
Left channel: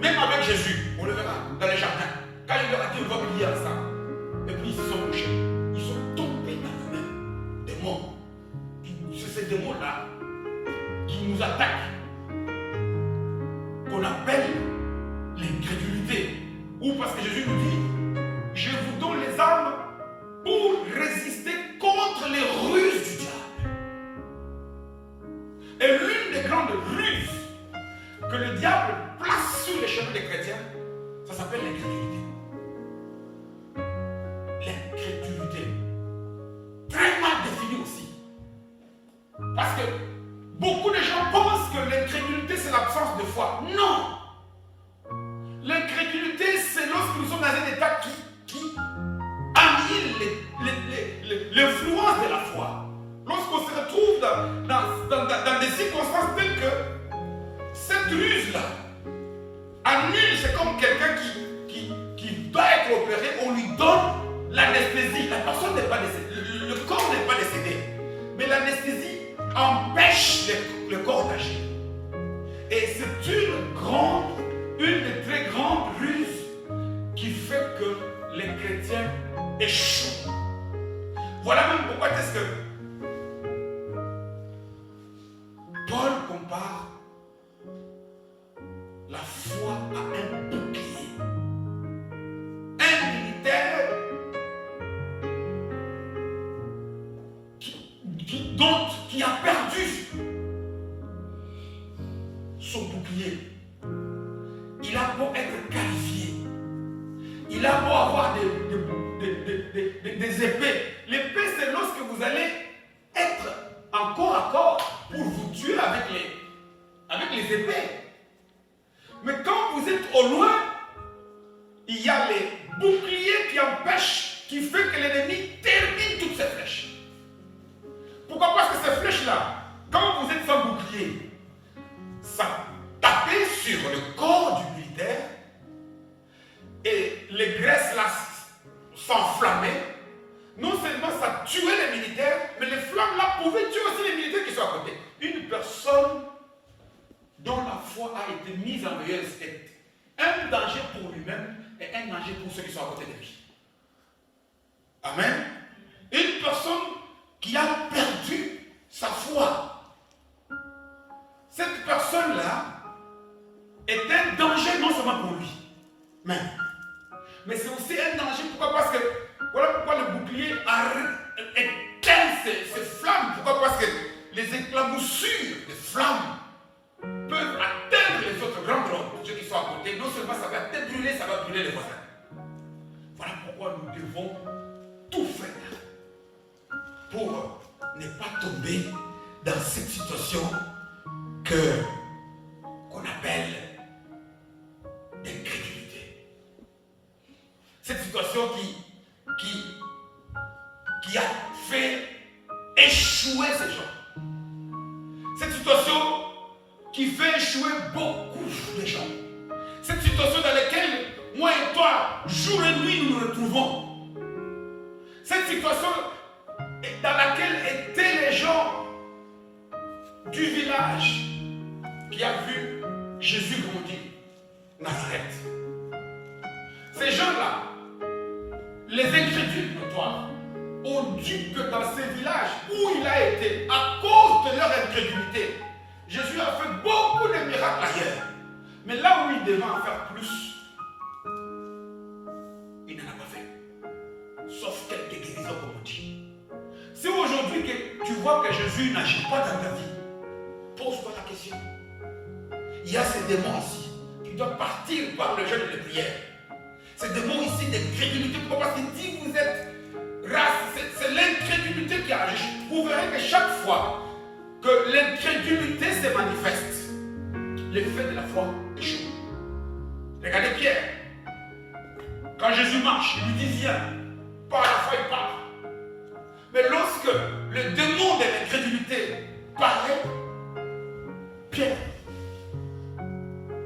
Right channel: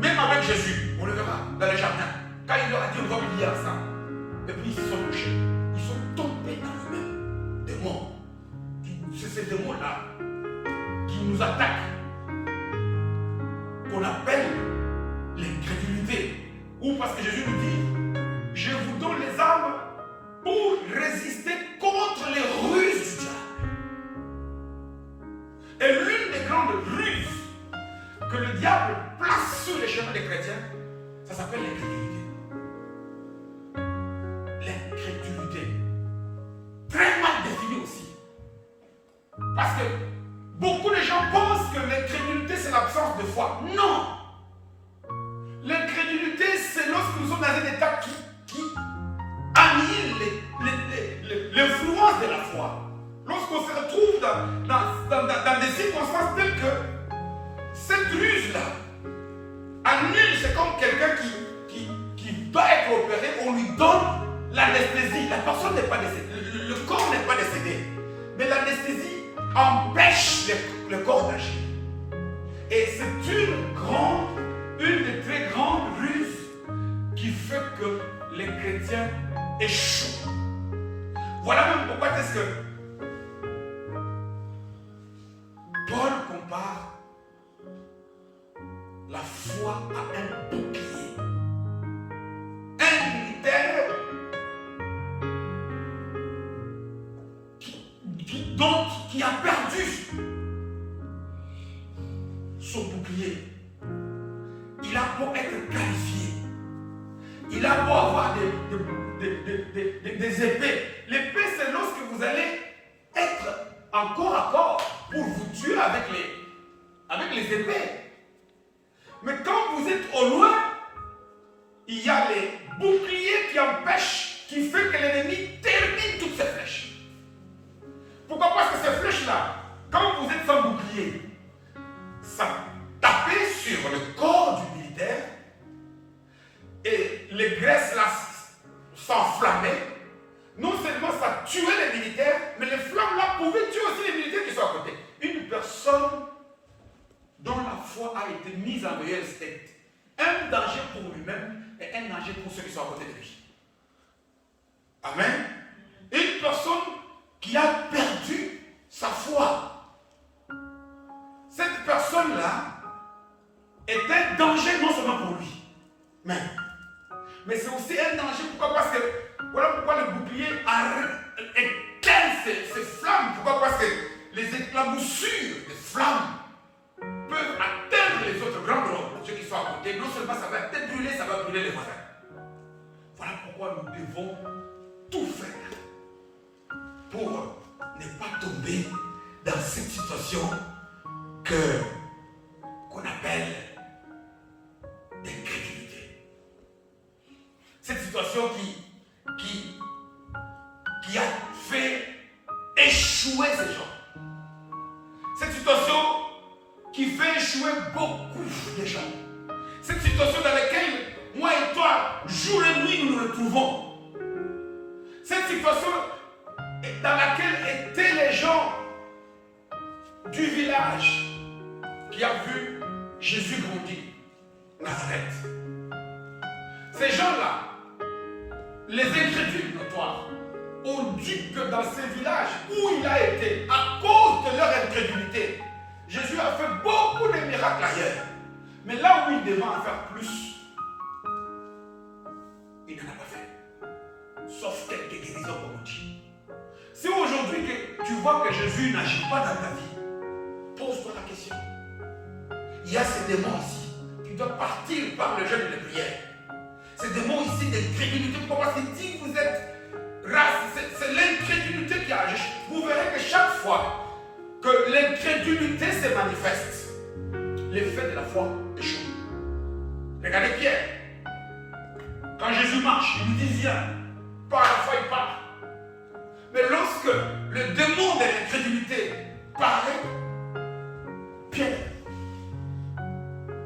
même avec Jésus, on le verra dans les jardins, quand il leur a dit on va prier ensemble, et puis ils se sont couchés, ils sont tombés dans le même démon. C'est ces démons-là qui nous attaquent, qu'on appelle l'incrédulité. Ou parce que Jésus nous dit, je vous donne les armes pour résister contre les ruses du diable. Et l'une des grandes ruses que le diable place sur les chemins des chrétiens, ça s'appelle l'incrédulité. L'incrédulité. Très mal définie aussi. Parce que beaucoup de gens pensent que l'incrédulité c'est l'absence de foi. Non! L'incrédulité c'est lorsque nous sommes dans un état qui annihile l'influence de la foi. Lorsqu'on se retrouve dans des circonstances telles que cette ruse-là annule, c'est comme quelqu'un qui doit être opéré, on lui donne l'anesthésie. La personne n'est pas décédée, le corps n'est pas décédé, mais l'anesthésie empêche le corps d'agir. Et c'est une des très grandes ruses qui fait que les chrétiens échouent. Voilà même pourquoi est-ce que Paul compare la foi à un bouclier. Un militaire qui a perdu son bouclier. Il a beau être qualifié, il a beau avoir des épées. L'épée, c'est lorsque vous allez être en corps à corps pour vous tuer avec les épées. Mais quand vous êtes au loin, il y a les boucliers qui empêchent, qui fait que l'ennemi termine toutes ses flèches. Pourquoi? Parce que ces flèches-là, quand vous êtes sans bouclier, ça tapait sur le corps du militaire et les graisses là s'enflammaient. Non seulement ça tuait les militaires, mais les flammes là pouvaient tuer aussi les militaires qui sont à côté. Une personne dont la foi a été mise en veilleuse est un danger pour lui-même et un danger pour ceux qui sont à côté de lui. Amen. Une personne qui a perdu sa foi. Cette personne-là est un danger non seulement pour lui, mais c'est aussi un danger. Pourquoi? Parce que voilà pourquoi le bouclier éteint ces flammes. Pourquoi? Parce que les éclaboussures des flammes peuvent atteindre les autres grands groupes, ceux qui sont à côté. Non seulement ça va te brûler, ça va brûler les voisins. Voilà pourquoi nous devons tout faire pour ne pas tomber dans cette situation qu'on appelle l'incrédulité. Cette situation qui a fait échouer ces gens. Cette situation qui fait échouer beaucoup de gens. Cette situation dans laquelle moi et toi, jour et nuit, nous nous retrouvons. Cette situation dans laquelle étaient les gens du village qui a vu Jésus grandir, Nazareth. Ces gens-là, les incrédules notoires, ont dit que dans ces villages où il a été, à cause de leur incrédulité, Jésus a fait beaucoup de miracles ailleurs. Mais là où il devait en faire plus, il n'en a pas fait. Sauf quelques guérisons, comme on dit. Si aujourd'hui tu vois que Jésus n'agit pas dans ta vie, pose-toi la question. Il y a ces démons ici qui doivent partir par le jeûne et la prière. Ces démons ici d'incrédulité. Pourquoi? Parce qu'il dit que vous êtes race. C'est l'incrédulité qui agit. Vous verrez que chaque fois que l'incrédulité se manifeste, l'effet de la foi échoue. Regardez Pierre. Quand Jésus marche, il lui dit viens. Par la foi, il part. Mais lorsque le démon de l'incrédulité paraît, Pierre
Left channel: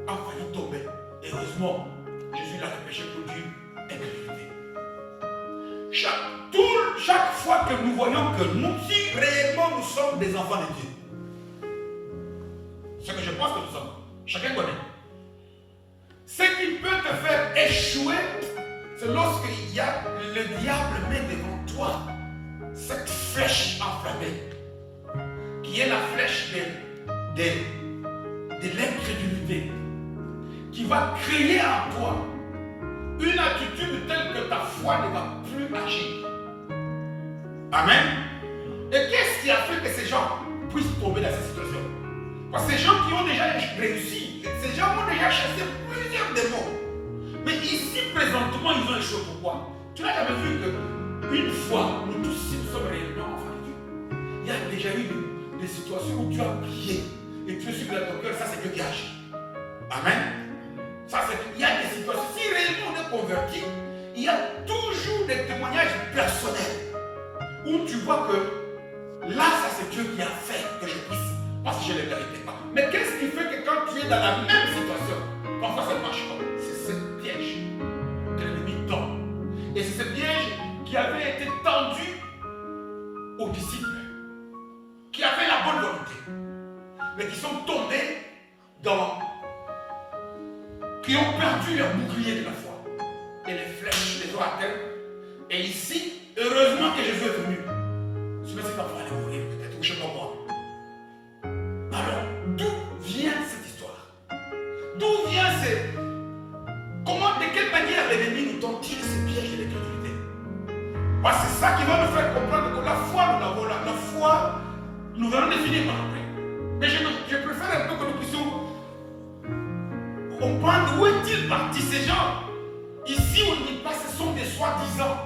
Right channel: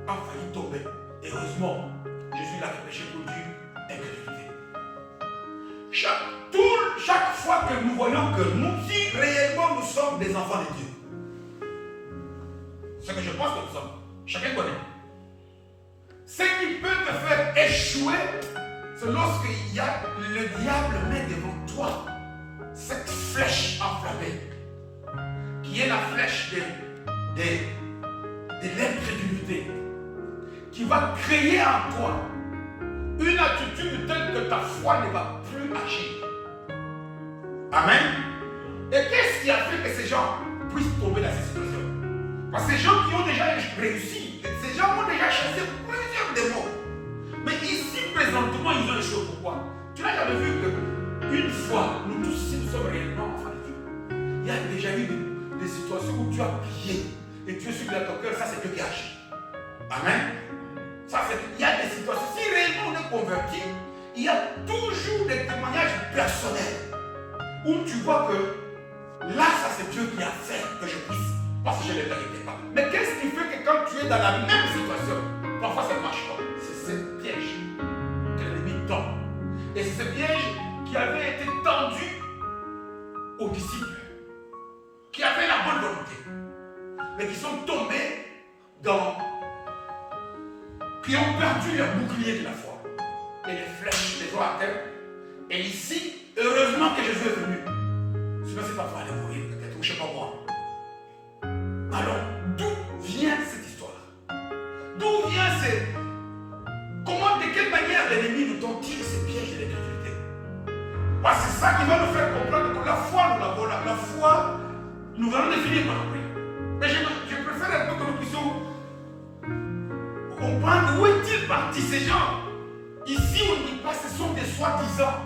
a failli tomber. Heureusement, Jésus l'a repêché pour dire incrédulité. Chaque fois que nous voyons que nous, si réellement nous sommes des enfants de Dieu, ce que je pense que nous sommes, Chacun connaît. Ce qui peut te faire échouer, c'est lorsqu'il y a le diable met devant toi cette flèche enflammée, qui est la flèche de l'incrédulité, qui va créer en toi une attitude telle que ta foi ne va plus agir. Amen. Et qu'est-ce qui a fait que ces gens puissent tomber dans cette situation? Parce que ces gens qui ont déjà réussi, ces gens ont déjà chassé plusieurs démons. Mais ici, présentement, ils ont échoué. Pourquoi? Tu n'as jamais vu qu'une fois, nous tous, si nous sommes réellement enfants de Dieu, il y a déjà eu des situations où tu as prié et tu es sûr que dans ton cœur, ça c'est Dieu qui agit. Amen. Il y a des situations, si réellement on est converti, il y a toujours des témoignages personnels où tu vois que là, ça c'est Dieu qui a fait que je puisse, parce que je ne le méritais pas. Mais qu'est-ce qui fait que quand tu es dans la même situation, parfois ça ne marche pas? C'est ce piège que l'ennemi tend. Et c'est ce piège qui avait été tendu aux disciples, qui avaient la bonne volonté, mais qui sont tombés qui ont perdu leur bouclier de la foi. Et les flèches les ont à terre. Et ici, heureusement que Jésus est venu. Sinon, c'est pas pour aller mourir peut-être, ou je ne sais pas moi. Alors, d'où vient cette histoire? D'où vient de quelle manière l'ennemi nous tente ce piège de l'incrédulité? Parce que c'est ça qui va nous faire comprendre que la foi, nous l'avons là. La foi, nous allons définir par après. Mais je préfère un peu que nous puissions comprendre où est-il parti ces gens. Ici, on ne dit pas que ce sont des soi-disant.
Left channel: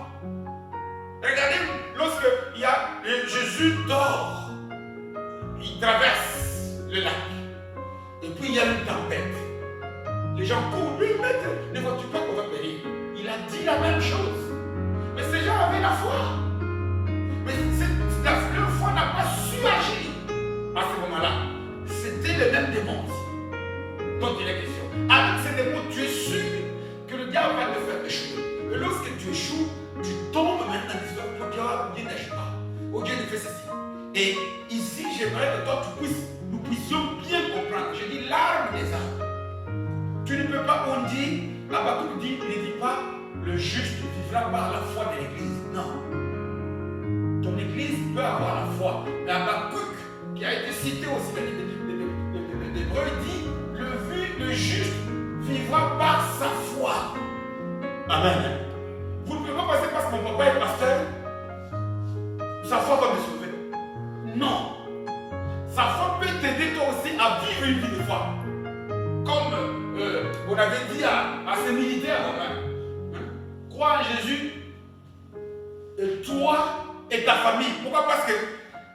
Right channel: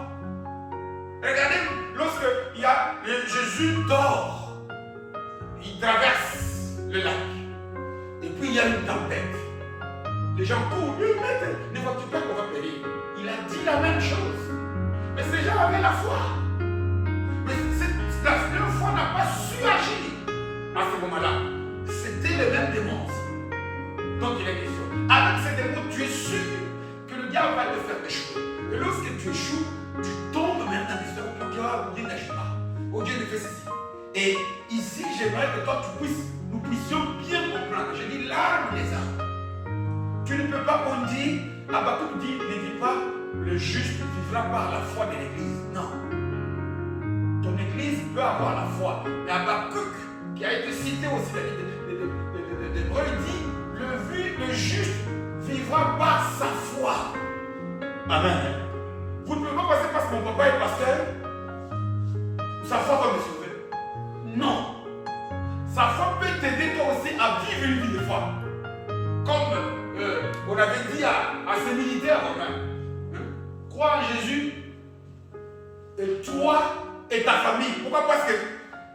Regardez, lorsque Jésus dort, il traverse le lac. Et puis il y a une tempête. Les gens courent, lui, maître, ne vois-tu pas qu'on va périr? Il a dit la même chose. Mais ces gens avaient la foi. Mais leur foi n'a pas su agir à ce moment-là. C'était le même démon aussi. Donc il est question. Avec ces démons, tu es sûr que le diable va te faire échouer. Et lorsque tu échoues, tu tombes maintenant dans des histoires où Dieu n'agit pas. Oh, Dieu ne fait ceci. Et ici, j'aimerais que toi, nous puissions bien comprendre. Je dis l'arme des armes. Tu ne peux pas, on dit, Habakkuk dit, ne dis pas, le juste vivra par la foi de l'église. Non. Ton église peut avoir la foi. Mais Habakkuk, qui a été cité aussi dans l'Hébreu, il dit, le juste vivra par sa foi. Amen. Vous ne pouvez pas passer parce que mon papa est pasteur, sa foi va me sauver. Non. Sa foi peut t'aider toi aussi à vivre une vie de foi. Comme on avait dit à ces militaires romains, crois en Jésus, et toi et ta famille. Pourquoi? Parce que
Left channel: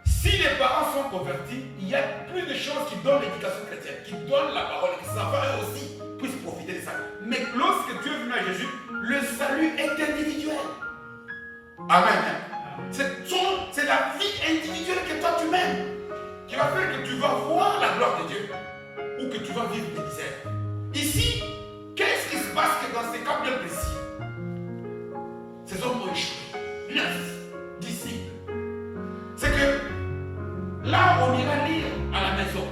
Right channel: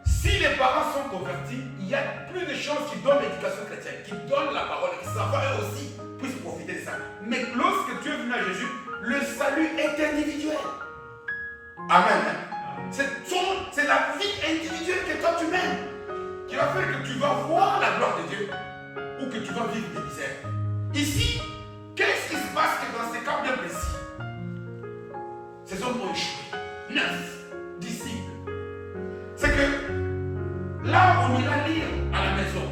si les parents sont convertis, il y a plus de choses qui donnent l'éducation chrétienne, qui donnent la parole, et qui savent eux aussi puissent profiter de ça. Mais lorsque tu es venu à Jésus, le salut est individuel. Amen. C'est la vie individuelle que toi tu mènes qui va faire que tu vas voir la gloire de Dieu ou que tu vas vivre des misères. Ici, qu'est-ce qui se passe que dans ces cas bien précis? Ces hommes ont échoué. 9 disciples. C'est que là, on ira lire à la maison.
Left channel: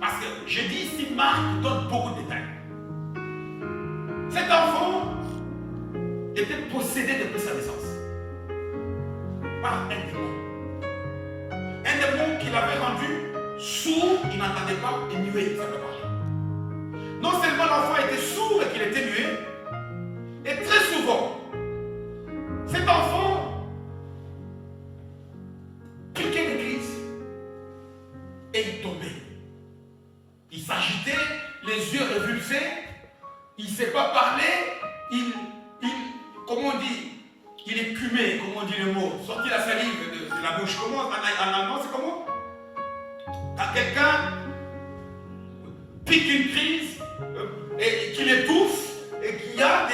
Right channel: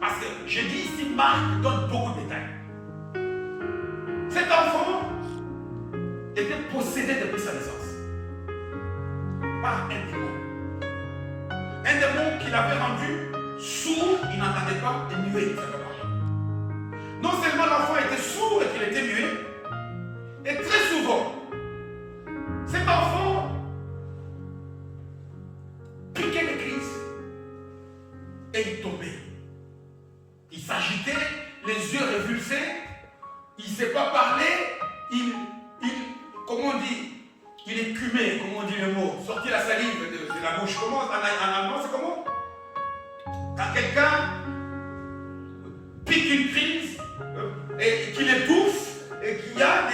Parce que je dis ici, Marc donne beaucoup de détails. Cet enfant était possédé depuis sa naissance par un démon. Un démon qui l'avait rendu sourd, il n'entendait pas, et muet, il ne savait pas parler. Non seulement l'enfant était sourd et qu'il était muet, et très souvent, cet enfant piquait des crises et il tombait. Il s'agitait, les yeux révulsés, il ne sait pas parler, comment on dit, il écumait, comment on dit le mot, sortir la salive de la bouche. Comment, en allemand, c'est comment? Quand quelqu'un pique une crise et qu'il étouffe et qu'il y a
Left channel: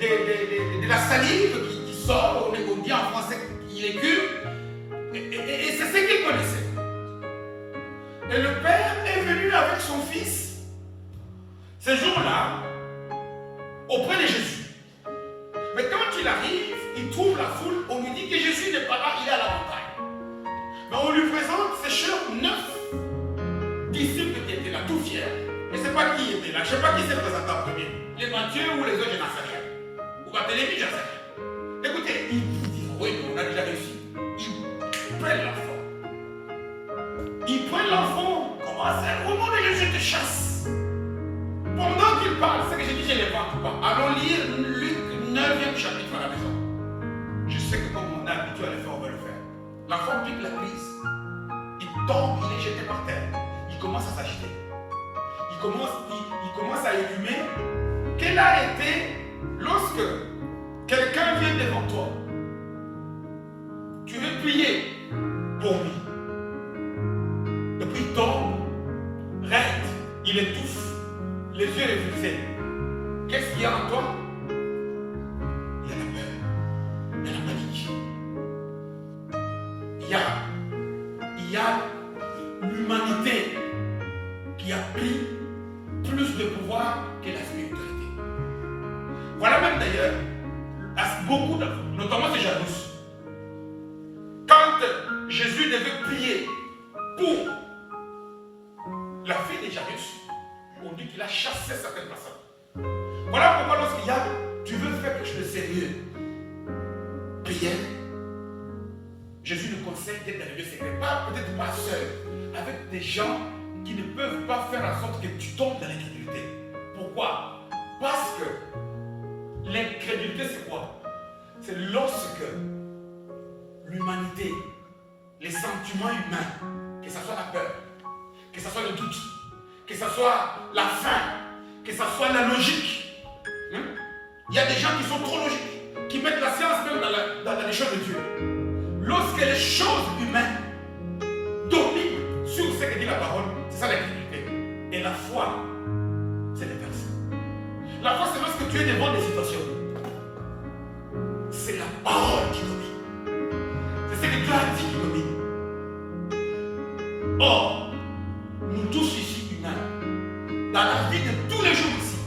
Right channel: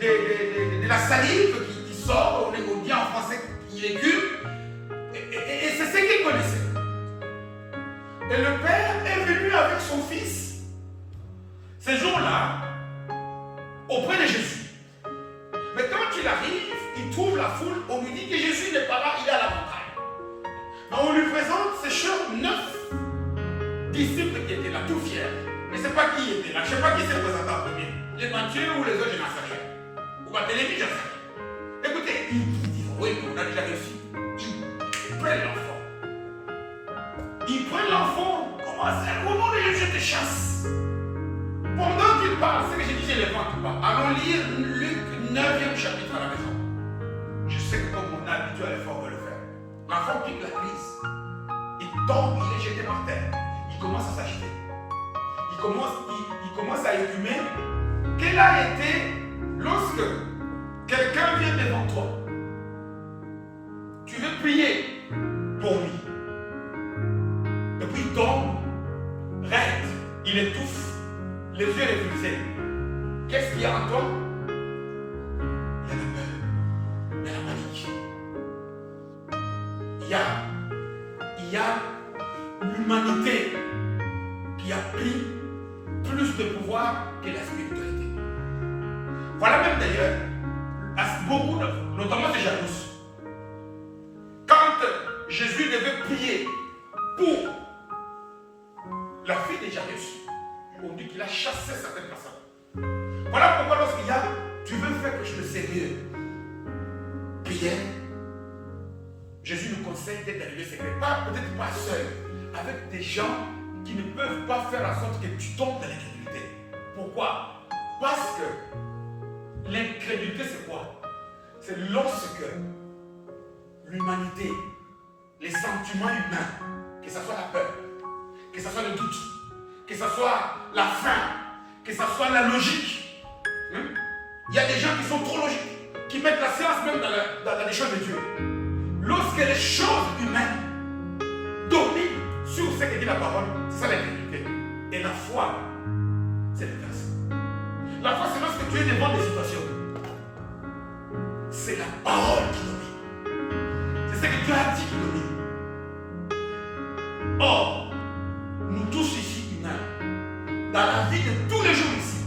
de la salive qui sort, on dit en français qu'il écume, et c'est ce qu'il connaissait. Et le père est venu avec son fils ces jours-là auprès de Jésus. Mais quand il arrive, il trouve la foule, on lui dit que Jésus n'est pas là, il est à la montagne. Mais on lui présente ces chers 9 disciples qui étaient là, tout fiers. Je ne sais pas qui était là, je ne sais pas qui s'est présenté en premier. Les Matthieu ou les autres, je n'en sais rien. Ou Barthélemy, je n'en sais rien. Écoutez, ils disent, oui, mais on a déjà réussi. Ils prennent l'enfant. Ils prennent l'enfant, commencent à au nom de Jésus, je te chasse. Pendant qu'ils parlent, c'est que j'ai dit, j'ai les vents qui parlent. Allons lire Luc 9e chapitre à la maison. Je sais que comme on a l'habitude à le faire, on va le faire. L'enfant pique la prise. Il tombe, il est jeté par terre. Il commence à s'agiter. Il commence à écumer. Quel a été lorsque quelqu'un vient devant toi, tu veux prier pour lui. Et puis il tombe, raide, il étouffe, les yeux révulsés. Qu'est-ce qu'il y a en toi? Il y a la peur, il y a la panique. Il y a l'humanité qui a pris plus de pouvoir que la spiritualité. Voilà même d'ailleurs, beaucoup, notamment ces jalouses. Quand Jésus devait prier pour la fille de Jairus, on dit qu'il a chassé certaines personnes. Voilà pourquoi lorsqu'il y a, tu veux faire quelque chose de sérieux, prière, Jésus nous conseille d'être dans les lieux secrets, peut-être pas seul, avec des gens qui ne peuvent pas faire en sorte que tu tombes dans l'incrédulité. Pourquoi? Parce que l'incrédulité c'est quoi? C'est lorsque l'humanité, les sentiments humains, que ce soit la peur, que ce soit le doute, que ce soit la faim, que ce soit la logique. Il y a des gens qui sont trop logiques, qui mettent la science même dans les choses de Dieu. Lorsque les choses humaines dominent sur ce que dit la parole, c'est ça l'incrédulité. Et la foi, c'est l'inverse. La foi, c'est lorsque tu es devant des situations. C'est la parole qui domine. C'est ce que Dieu a dit qui domine. Or, nous tous ici humains, dans la vie de tous les jours ici,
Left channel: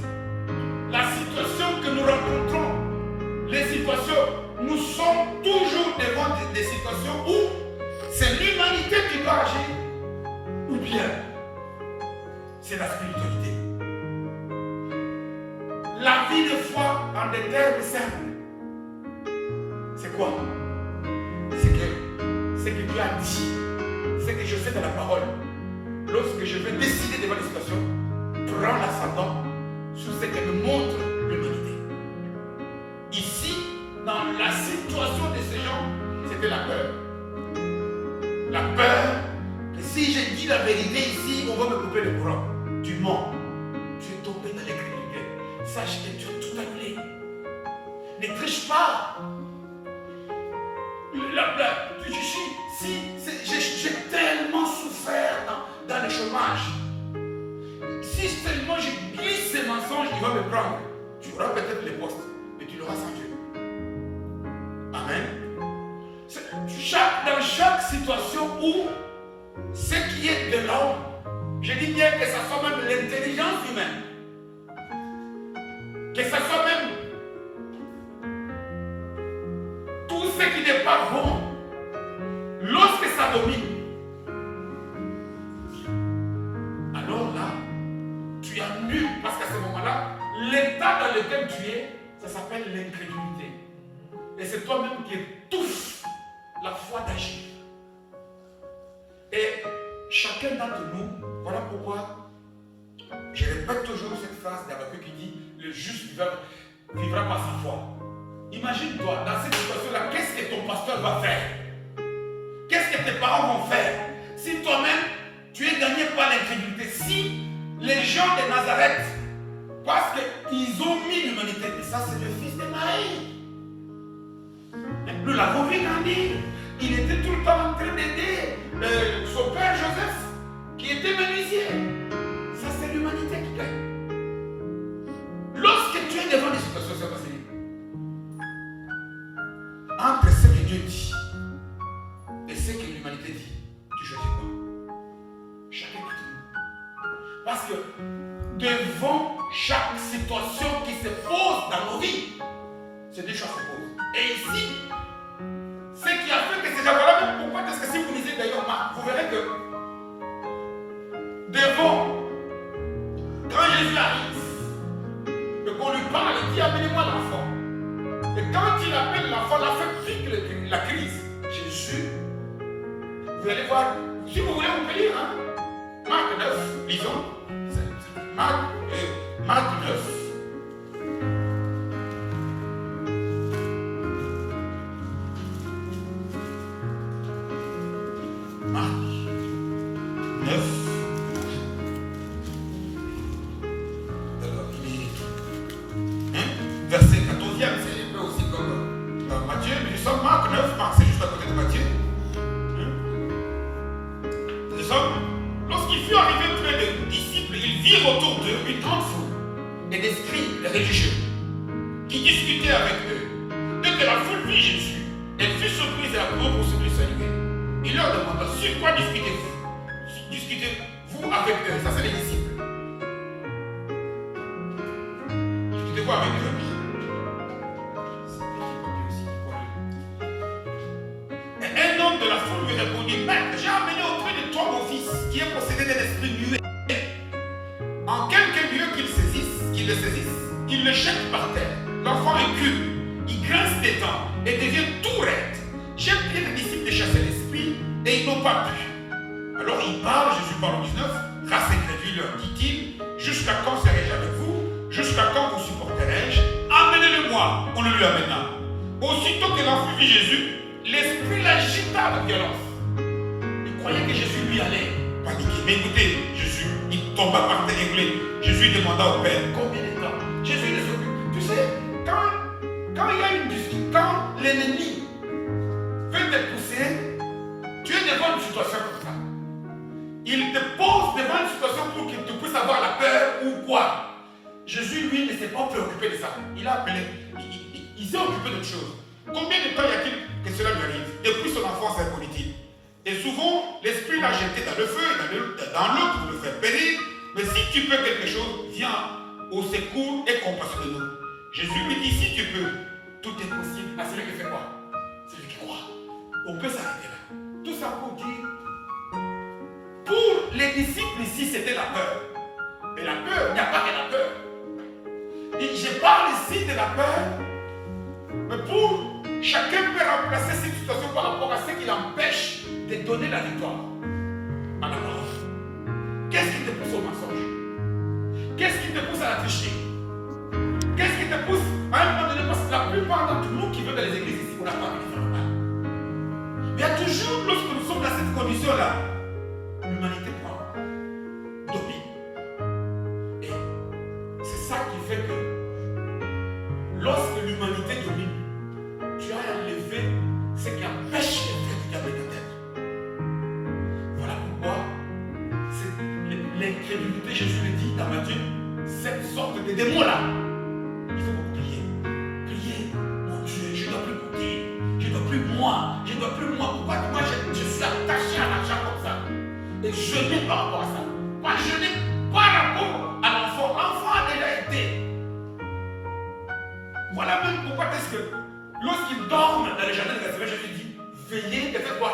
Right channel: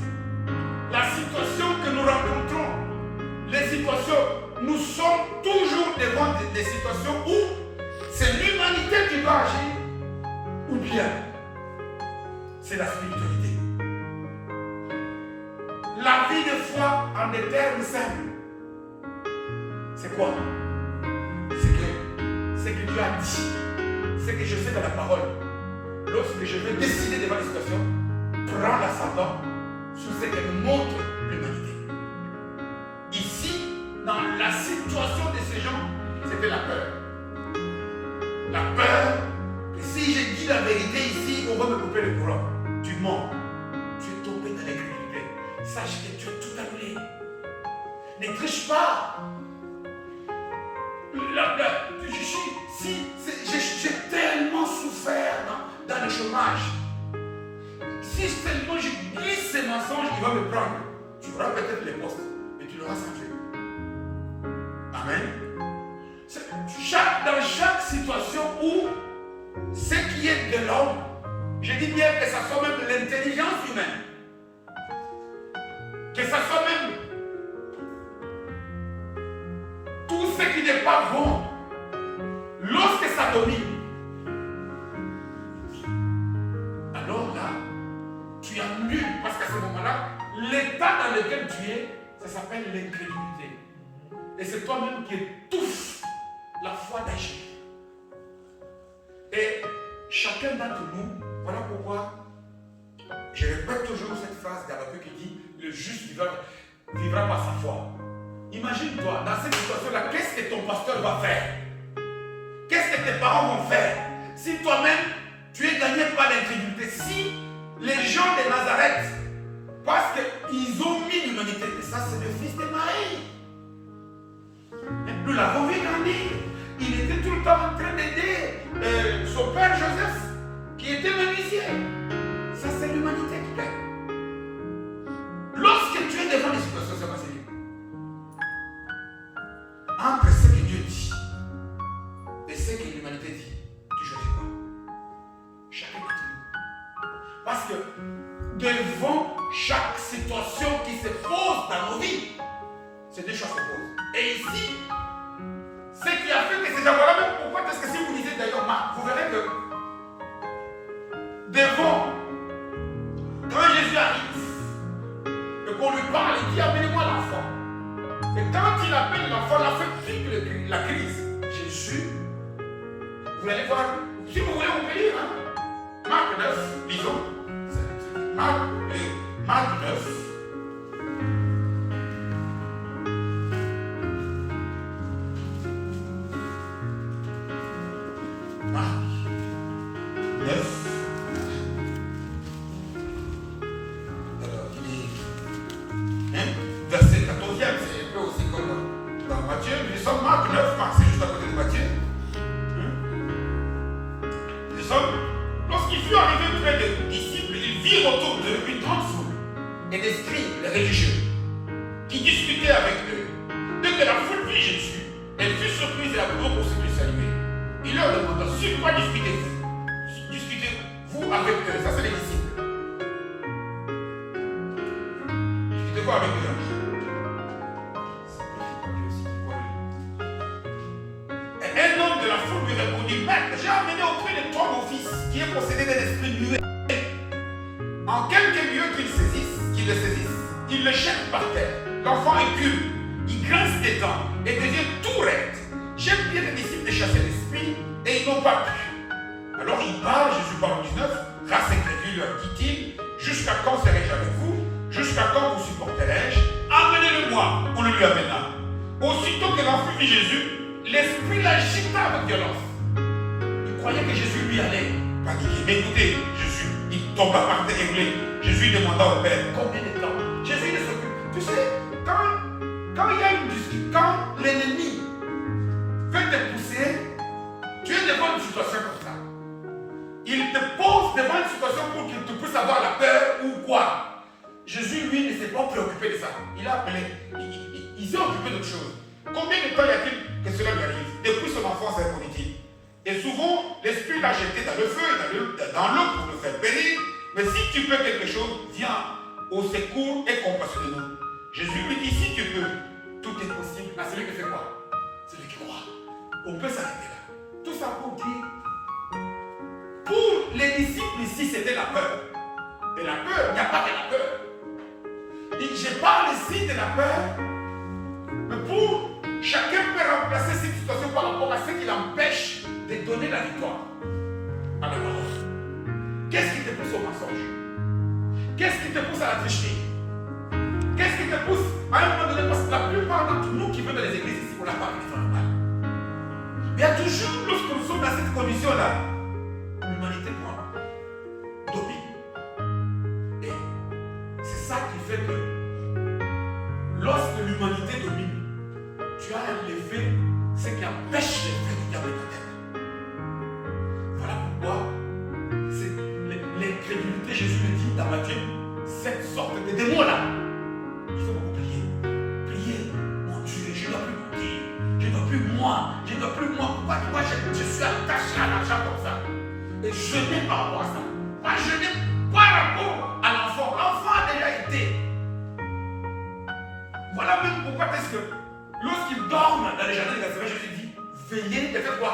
la situation que nous rencontrons, les situations, nous sommes toujours devant des situations où c'est l'humanité qui doit agir, ou bien c'est la spiritualité. La vie de foi en des termes simples, c'est quoi? C'est que Dieu a dit, c'est que je sais dans la parole. Lorsque je vais décider devant les situations, prends l'ascendant sur ce que me montre l'humanité. Ici, dans la situation de ces gens, c'était la peur. La peur que si je dis la vérité ici, on va me couper le courant. Tu mens. Tu es tombé dans l'incrédulité. Sache que tu as tout annulé. Ne triche pas. J'ai tellement souffert dans le chômage. Si tellement je glisse ces mensonges, il va me prendre. Tu auras peut-être les postes, mais tu l'auras sans Dieu. Amen. Dans chaque situation où ce qui est de l'homme, je dis bien que ça soit même l'intelligence humaine, que ça soit même tout ce qui n'est pas bon, lorsque ça domine, alors là, tu annules, parce qu'à ce moment-là, l'état dans lequel tu es, ça s'appelle l'incrédulité. Et c'est toi-même qui étouffe la foi d'agir. Et chacun d'entre nous, voilà pourquoi je répète toujours cette phrase d'Habakkuk qui dit « Le juste vivra par sa foi ». Imagine-toi, dans cette situation-là, qu'est-ce que ton pasteur va faire? Qu'est-ce que tes parents vont faire? Si toi-même, tu es gagné par l'incrédulité, si les gens de Nazareth, parce qu'ils ont mis l'humanité, et ça c'est le fils de Marie. Nous l'avons vu grandir. Il était tout le temps en train d'aider son père Joseph, qui était menuisier. Ça, c'est l'humanité qui gagne. Lorsque tu es devant des situations, c'est passé. Entre ce que Dieu dit et ce que l'humanité dit, tu choisis quoi? Chacun d'entre nous. Parce que devant chaque situation qui se pose dans nos vies, c'est deux choses se posent. Et ici, ce qui a fait que ces gens-là, même pourquoi est-ce que si vous lisez d'ailleurs Marc, vous verrez que devant, quand Jésus arrive, et qu'on lui parle, il dit amenez-moi l'enfant. Et quand il appelle l'enfant, l'enfant vit la crise. Jésus, vous allez voir, si vous voulez, on peut lire. Hein? Marc 9, lisons. Marc 9. Marc 9. Alors, il est verset 14e, c'est un peu aussi comme dans Matthieu. Nous sommes Marc 9, Marc c'est juste à côté de Matthieu. Nous sommes, lorsqu'il fut arrivé près des disciples, ils virent autour d'eux une grande foule et des scribes, les religieux, qui discutaient avec eux. Dès que la foule vit Jésus, elle fut surprise et la courut pour se lui saluer. Il leur demanda sur quoi discutez-vous? Discutez-vous avec eux? Ça, c'est les disciples. Discutez-vous avec eux. C'est un petit papier aussi qui voit. Et un homme de la foule lui répondit: Maître, j'ai amené auprès de toi mon fils qui est possédé d'un esprit muet. En quelque lieu qu'il le saisisse, il le jette par terre. L'enfant écume, il grince des dents et devient tout raide. J'ai prié les disciples de chasser l'esprit et ils n'ont pas pu. Alors il parle, Jésus parle au 19, race incrédule, leur dit-il, jusqu'à quand serai-je avec vous? Jusqu'à quand vous supporterai-je? Amenez-le-moi. On le lui amena. Aussitôt que l'enfant vit Jésus, l'esprit l'agita avec violence. Il croyait que Jésus lui allait paniquer. Mais écoutez, Jésus, il tomba par terre églé. Jésus demanda au Père combien de temps. Jésus ne s'occupe. Tu sais, quand il y a une discussion, quand l'ennemi veut te pousser, tu es devant une situation comme ça. Il te pose devant une situation pour qu'il te puisse avoir la peur ou quoi. Jésus, lui, ne s'est pas préoccupé de ça. Il a appelé, il s'est occupé d'autre chose. Combien de temps y a-t-il que cela lui arrive? Depuis son enfance, répondit-il. Et souvent, l'esprit l'a jeté dans le feu et dans l'eau pour le faire périr. Mais si tu peux quelque chose, viens au secours et compassionne-nous. Jésus lui dit, si tu peux, tout est possible à celui qui fait quoi? Celui qui croit. On peut s'arrêter là. Tout ça pour dire, pour les disciples ici, c'était la peur. Et la peur, il n'y a pas que la peur. Et je parle ici de la peur, mais pour chacun peut remplacer cette situation par rapport à ce qui l'empêche de donner la victoire à la parole. Qu'est-ce qui te pousse au mensonge? Qu'est-ce qui te pousse à la tricherie? Qu'est-ce qui te pousse à un moment donné? Parce que la plupart d'entre nous qui venons dans les églises ici, on n'a pas vu faire le mal. Mais il y a toujours, lorsque nous sommes dans cette condition-là, l'humanité domine. Et c'est ça qui fait que lorsque l'humanité domine, tu as enlevé ce qui empêche les faits du diable de ta tête. Voilà pourquoi l'incrédulité, Jésus le dit dans Matthieu, cette sorte de démon-là, il faut beaucoup prier. Prier, mon Dieu, je ne dois plus mentir, je ne dois plus moi. Pourquoi moi je suis attaché à l'argent comme ça? Et jeûner par rapport à ça. Pas jeûner par rapport à l'enfant. L'enfant a déjà été. Voilà même pourquoi est-ce que lorsqu'ils dorment dans les jardins de Gethsémane, Jésus dit, veillez, de faire quoi?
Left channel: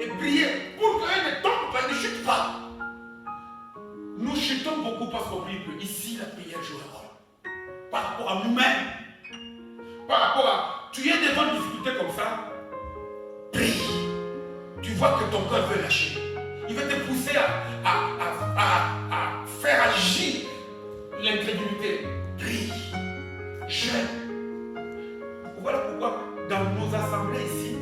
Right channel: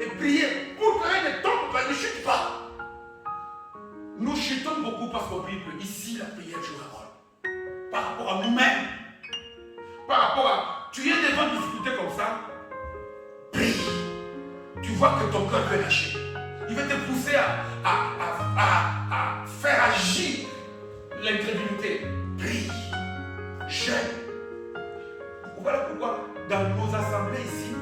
Et priez pour qu'eux ne tombent pas, ne chutent pas. Nous chutons beaucoup parce qu'on prie peu. Ici, la prière joue un rôle. Par rapport à nous-mêmes. Par rapport à, tu es devant une difficulté comme ça, prie. Tu vois que ton cœur veut lâcher. Il veut te pousser à faire agir l'incrédulité. Prie. Jeûne. Voilà pourquoi dans nos assemblées ici,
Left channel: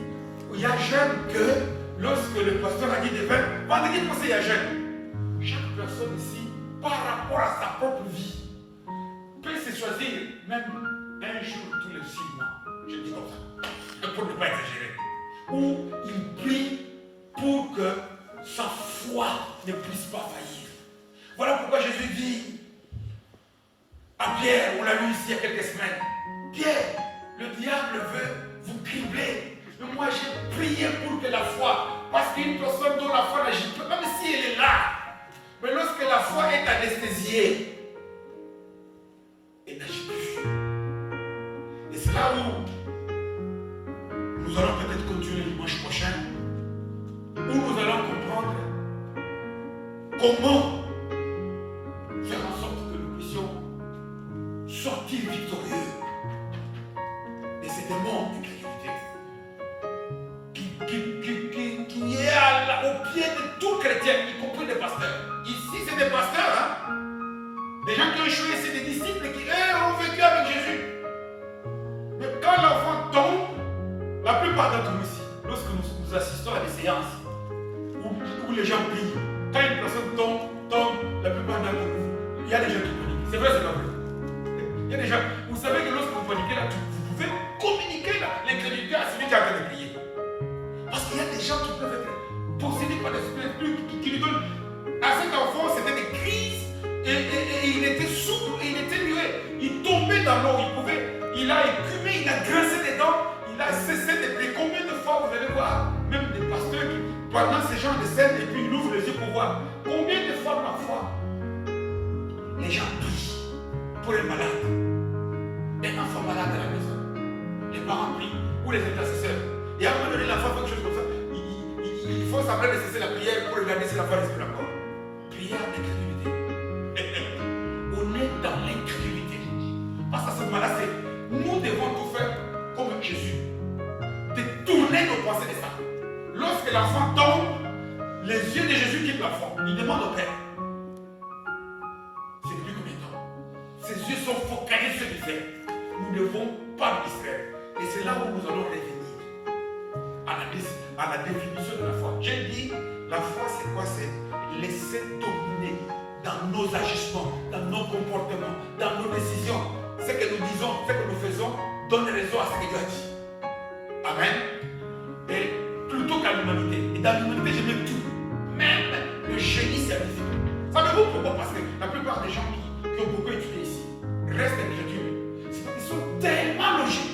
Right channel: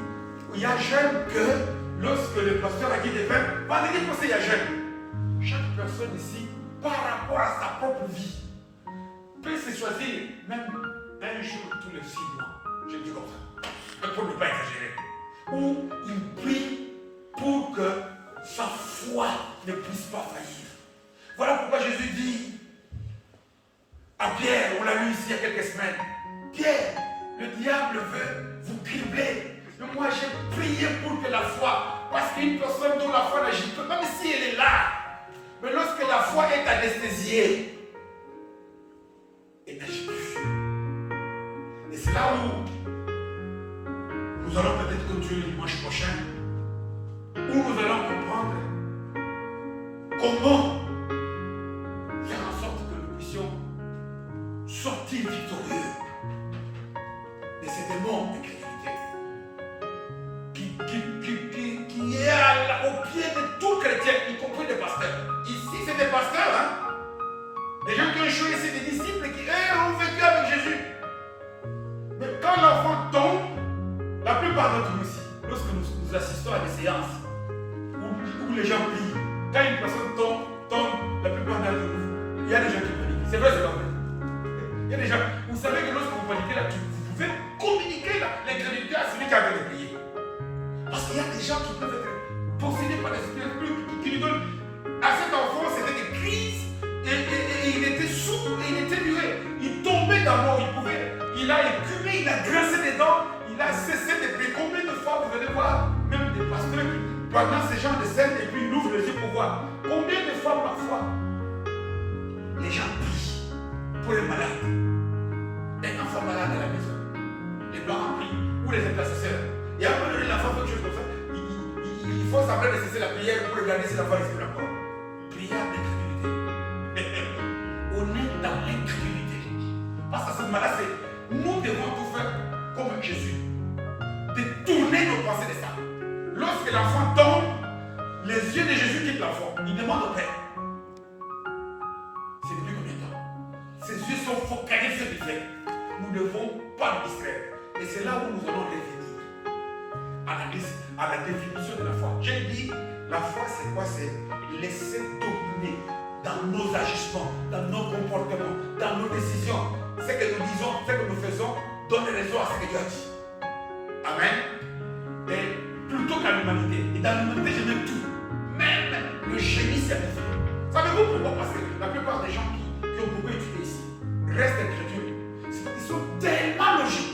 il y a jeûne que lorsque le pasteur a dit des vins, vendredi passé il y a jeûne. Chaque personne ici, par rapport à sa propre vie, peut se choisir même un jour tous les 6 mois. Je dis comme ça, pour ne pas exagérer. Où il prie pour que sa foi ne puisse pas faillir. Voilà pourquoi Jésus dit à Pierre, on l'a lu ici il y a quelques semaines, Pierre, le diable veut vous cribler. Mais moi j'ai prié pour que la foi, parce qu'une personne dont la foi n'agit pas, même si elle est là, mais lorsque la foi est anesthésiée, elle n'agit plus. Et c'est là où nous allons peut-être continuer le dimanche prochain, où nous allons comprendre comment plupart d'entre vous, il y a des gens qui paniquent. C'est vrai, c'est pas vrai. Il y a des gens, vous savez que lorsque vous paniquez là, vous pouvez communiquer l'incrédulité à celui qui a en train de prier. Parce qu'il y a des gens qui peuvent être possédés par des esprits qui lui donnent. À cet enfant, c'était des crises et il était sourd et il était muet. Il tombait dans l'eau, il a écumé, il a grincé les dents, il a cessé de prier. Combien de fois vous allez voir, même des pasteurs qui, pendant ces genres de scènes, et puis ils ouvrent les yeux pour voir. Combien de fois parfois les gens prient pour les malades. Un enfant malade à la maison, les parents prient, ou les intercesseurs. Et à un moment donné, l'enfant fait quelque chose comme ça. Il faut savoir de cesser la prière pour regarder si l'enfant respire encore. Prière d'incrédulité. On est dans l'incrédulité. Parce que ce moment-là, c'est nous devons tout faire comme Jésus. De tourner nos pensées de ça. Lorsque l'enfant tombe, les yeux de Jésus quittent l'enfant. Il demande au Père. C'est depuis combien de temps? Ses yeux sont focalisés sur le fait. Nous ne devons pas nous distraire. Et c'est là où nous allons revenir à la définition de la foi. J'ai dit, la foi c'est quoi? C'est laisser dominer dans nos agissements, dans nos comportements, dans nos décisions. Ce que nous disons, ce que nous faisons, donne raison à ce que Dieu a dit. Amen. Et plutôt qu'à l'humanité. Et dans l'humanité, je mets tout. Même le génie scientifique. Savez-vous pourquoi? Parce que la plupart des gens qui ont beaucoup étudié ici restent incrédules. Ils sont tellement logiques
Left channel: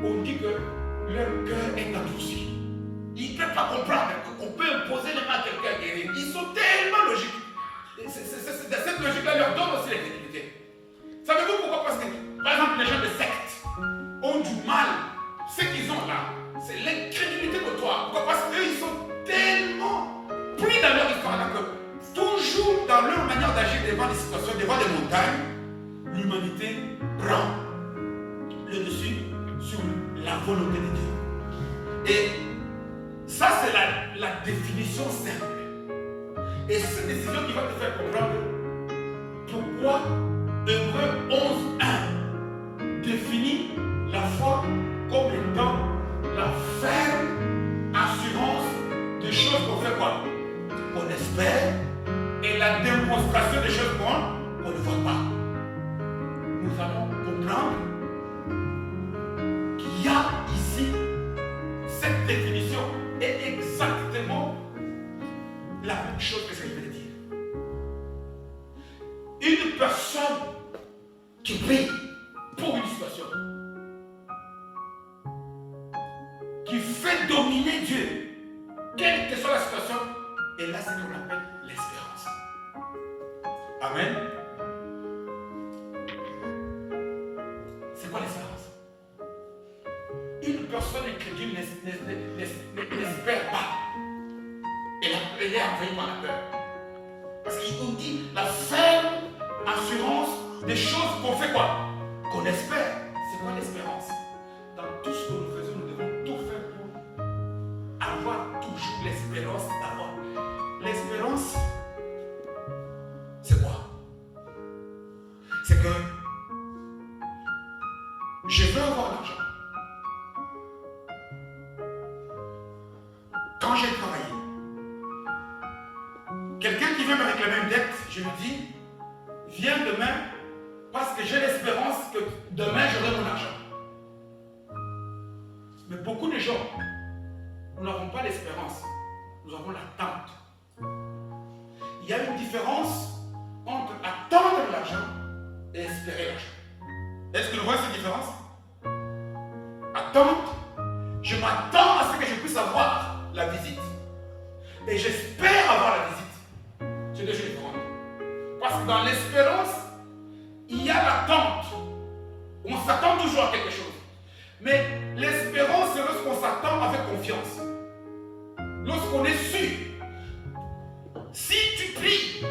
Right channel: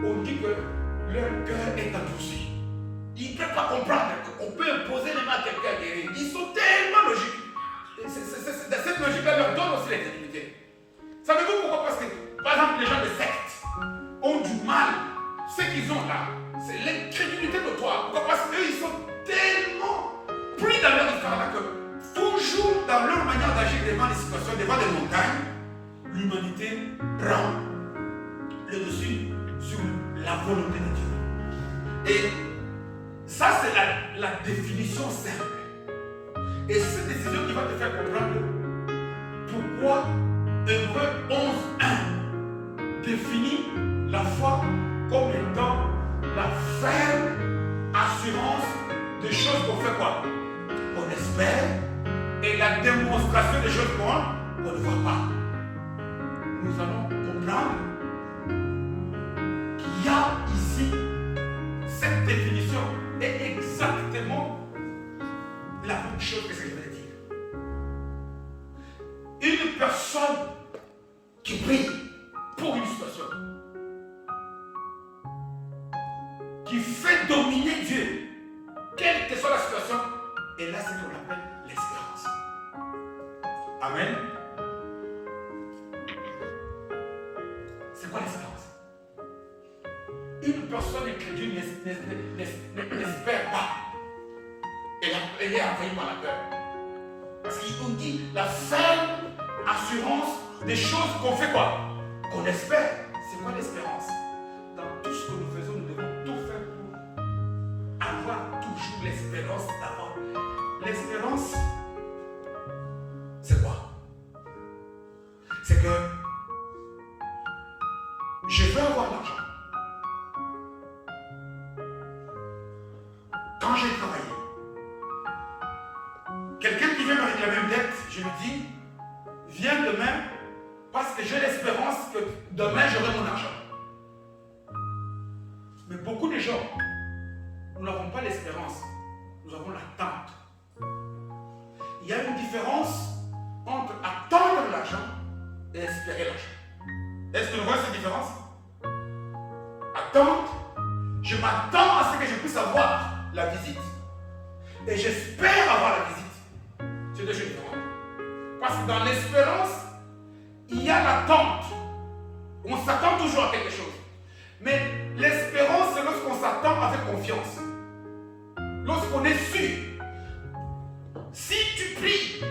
qu'on dit que leur cœur est endurci. Ils ne peuvent pas comprendre qu'on peut imposer les mains à quelqu'un à guérir. Ils sont tellement logiques. Cette logique-là leur donne aussi l'incrédulité. Savez-vous pourquoi? Parce que, par exemple, les gens de secte ont du mal. Ce qu'ils ont là, c'est l'incrédulité notoire. Pourquoi? Parce qu'eux, ils sont tellement pris dans leur histoire là que toujours dans leur manière d'agir devant les situations, devant les montagnes, l'humanité prend le dessus sur la volonté de Dieu. Et ça, c'est la définition simple. Et cette décision qui va te faire comprendre pourquoi Hébreux 11:1 définit la foi comme étant la ferme assurance des choses qu'on fait quoi? Qu'on espère, et la démonstration des choses qu'on ne voit pas. Nous allons comprendre qu'il y a ici cette définition est exactement la même chose que ce que je vais te dire. Une personne qui prie pour une situation, qui fait dominer Dieu, quelle que soit la situation, et là c'est ce qu'on appelle l'espérance. Amen. C'est quoi l'espérance? Une personne incrédule n'espère pas. Elle est envahie par la peur. Parce qu'on dit la ferme assurance des choses qu'on fait quoi? Qu'on espère. C'est quoi l'espérance? Dans tout ce que nous faisons, nous devons tout faire pour avoir toujours l'espérance d'avoir. L'espérance, c'est quoi? C'est que je veux avoir l'argent. Quand j'ai travaillé, quelqu'un qui vient me réclamer une dette, je lui dis, viens demain parce que j'ai l'espérance que demain j'aurai mon argent. Mais beaucoup de gens, nous n'avons pas l'espérance, nous avons l'attente. Il y a une différence entre attendre l'argent et espérer l'argent. Est-ce que nous voyons cette différence? Attendre, je m'attends à ce que je puisse avoir la visite. Et j'espère avoir la visite. C'est deux choses différentes. Parce que dans l'espérance, il y a l'attente. On s'attend toujours à quelque chose. Mais l'espérance, c'est lorsqu'on s'attend avec confiance. Lorsqu'on est sûr. Si tu pries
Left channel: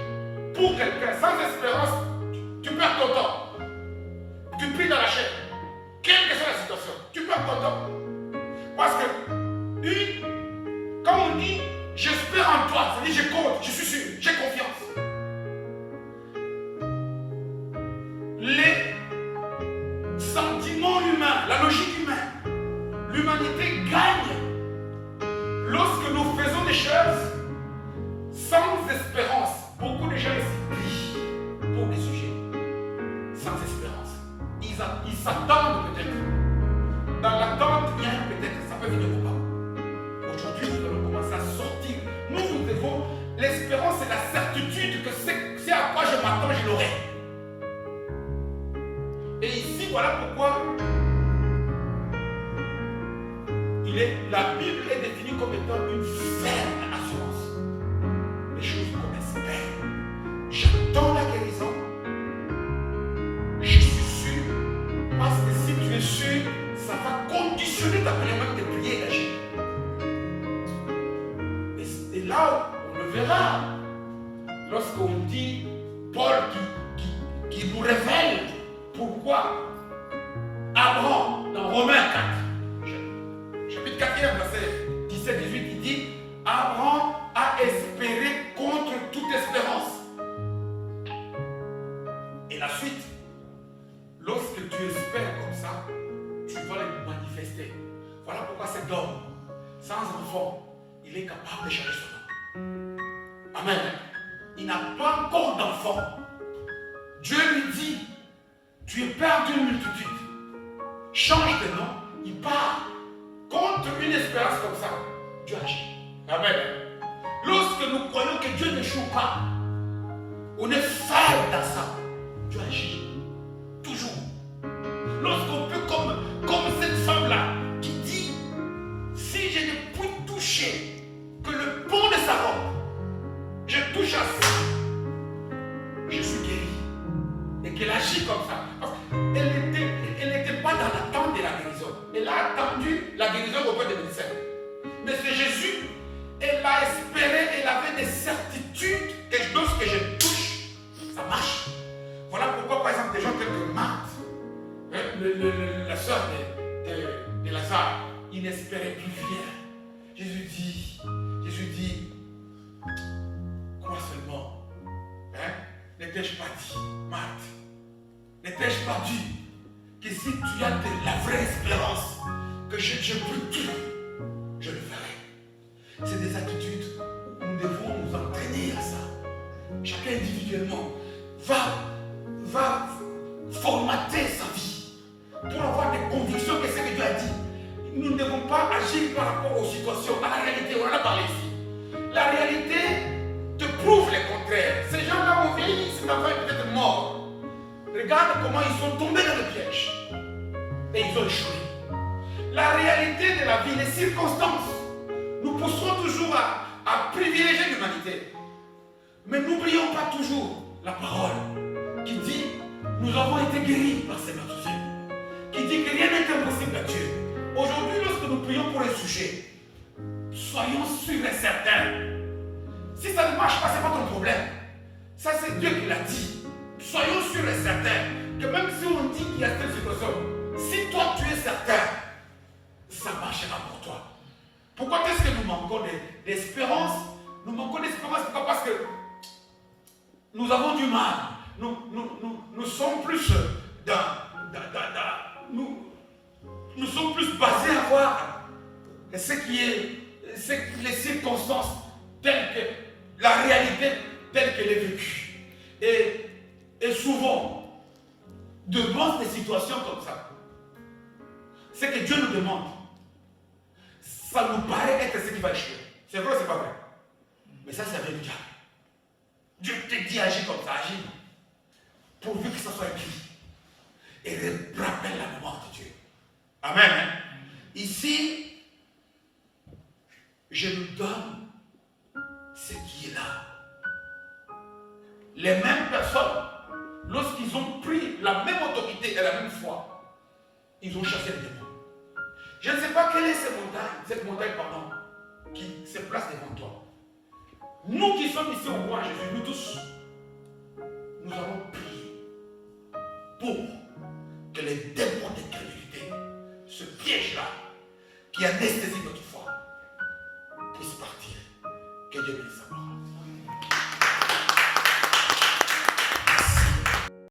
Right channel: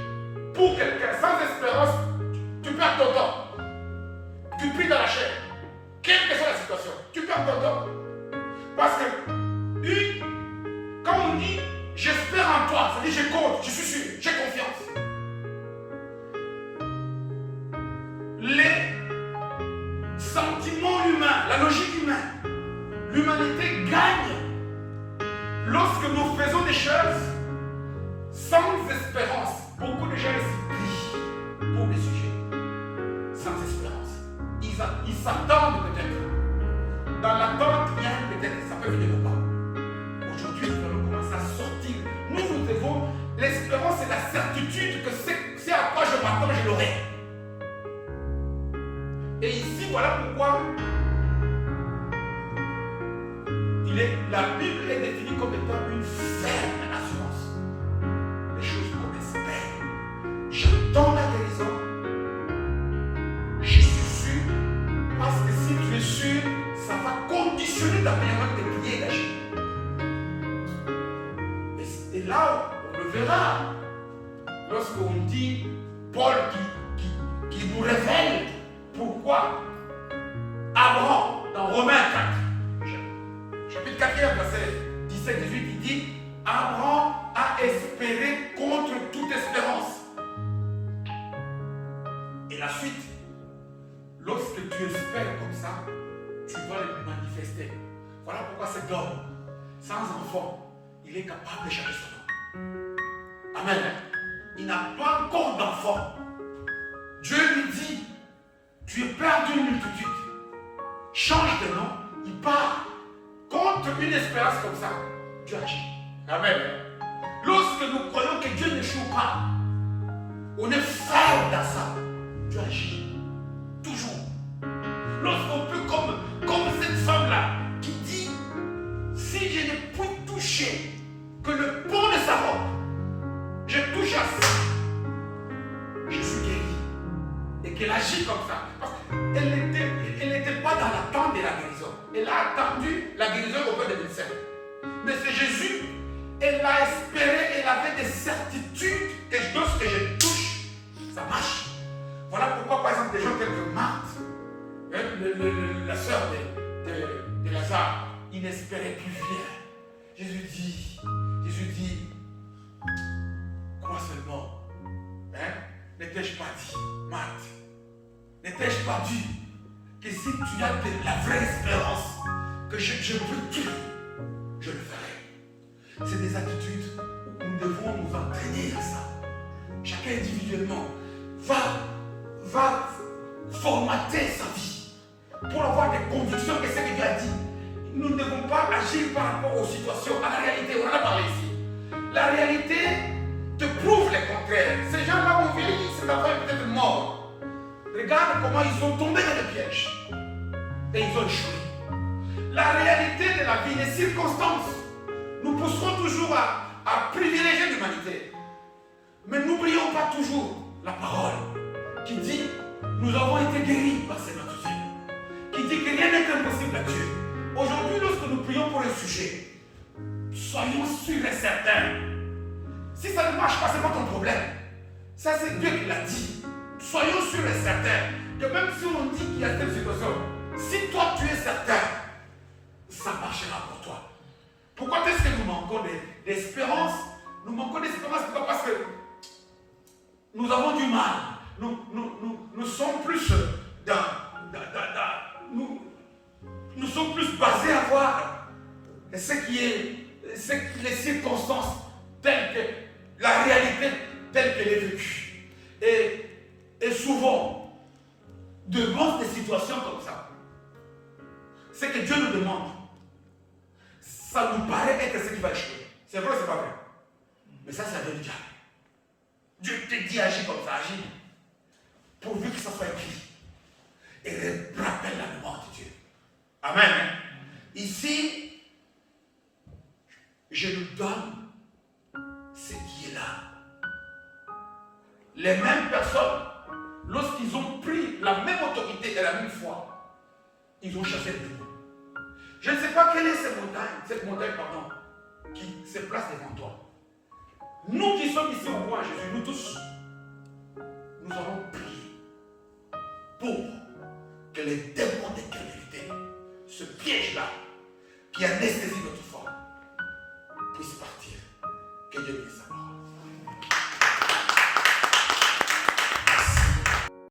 pour quelqu'un sans espérance, tu perds ton temps. Tu pries dans la chair. Quelle que soit la situation, tu perds ton temps. Parce que quand on dit j'espère en toi, ça dit je compte, je suis sûr, j'ai confiance. Les sentiments humains, la logique humaine, l'humanité gagne lorsque nous faisons des choses sans espérance. Beaucoup de gens s'y plient pour des sujets sans espérance. Ils s'attendent peut-être. Dans l'attente, il y a un peut-être, ça peut venir ou pas. Aujourd'hui, nous allons commencer à sortir. Nous devons, l'espérance c'est la certitude que c'est à quoi je m'attends, je l'aurai. Et ici, voilà pourquoi la Bible est définie comme étant une ferme assurance. Les choses qu'on espère. J'attends la guérison. Je suis sûr. Parce que si tu es sûr, ça va conditionner ta manière même de prier et d'agir. Et là, on le verra. Lorsqu'on dit Paul qui nous révèle pourquoi Abraham, dans Romains 4, chapitre 4, verset 17-18, il dit Abraham a espéré contre toute espérance. Et la suite, lorsque tu espères comme ça, tu vas le manifester. Voilà pourquoi cet homme, sans enfant, il est capable de changer son nom. Amen. Il n'a pas encore d'enfant. Dieu lui dit tu es père d'une multitude. Change de nom, il part. Contre une espérance comme ça, Dieu agit. Amen. Lorsque nous croyons que Dieu n'échoue pas, on est ferme dans ça. Dieu agit. Toujours. Lorsqu'on peut, comme cette femme-là, qui dit, si je ne puis toucher que le pont de sa robe, je touche à ça, je suis guéri. Et qu'elle agit comme ça. Parce qu'elle n'était pas dans l'attente de la guérison. Elle a attendu la guérison auprès des médecins. Mais c'est Jésus, elle a espéré, elle avait des certitudes que lorsque je touche, ça marche. Voilà pourquoi, par exemple, des gens tels que Marthe, la sœur de Lazare, il n'espérait plus rien. Jésus dit, crois seulement. N'étais-je pas dit, Marthe, n'étais-je pas dit que si tu as de la vraie espérance, que je peux tout, je le ferai. C'est des attitudes où nous devons nous entraîner à ça. Chacun individuellement va formater sa vie pour avoir des convictions que c'est ce que Dieu a dit. Nous ne devons pas agir par rapport aux situations. À la réalité, on en a parlé ici. La réalité te prouve le contraire. Ces gens-là ont vieilli, cet enfant est peut-être mort. Regarde comment ils sont tombés dans le piège. Et ils ont échoué. La réalité de la vie, les circonstances, nous pousserons toujours à privilégier l'humanité. Mais n'oublions pas toujours la parole qui dit nous avons été guéris par ce notre Dieu. Qui dit que rien n'est impossible à Dieu. Aujourd'hui, lorsque nous prions pour un sujet, soyons sûrs et certains. Si ça ne marche pas, ce n'est pas ton problème. Ça, c'est Dieu qui l'a dit. Soyons sûrs et certains que même si on dit qu'il y a telle situation, si toi tu es certain, ça marchera pour toi. Pourquoi est-ce que nous manquons d'espérance? Nous manquons d'espérance parce que nous avons du mal. Nous sommes plus nous sommes plus basés à voir les circonstances telles que la réalité telle qu'elle est vécue. Et souvent, devant des situations comme ça, ce que Dieu nous demande, ça nous paraît être ce qui va échouer. C'est vrai ou c'est pas vrai? Mais ça vient du diable. Dieu te dit agis comme ça, agis. Pourvu que ça soit écrit. Et rappelle la mémoire de Dieu. Amen. Ici, je nous donne ce qui est là. Les mêmes personnes, lorsqu'ils ont pris la même autorité et la même foi, ils ont chassé les démons. Je ne sais pas quelle est cette montagne, qui se place devant toi. Nous qui sommes ici au roi Jésus, nous tous, nous allons prier pour que les démons d'incrédulité, ce piège-là, qui anesthésie notre foi, puisse partir. Que Dieu bénisse sa parole.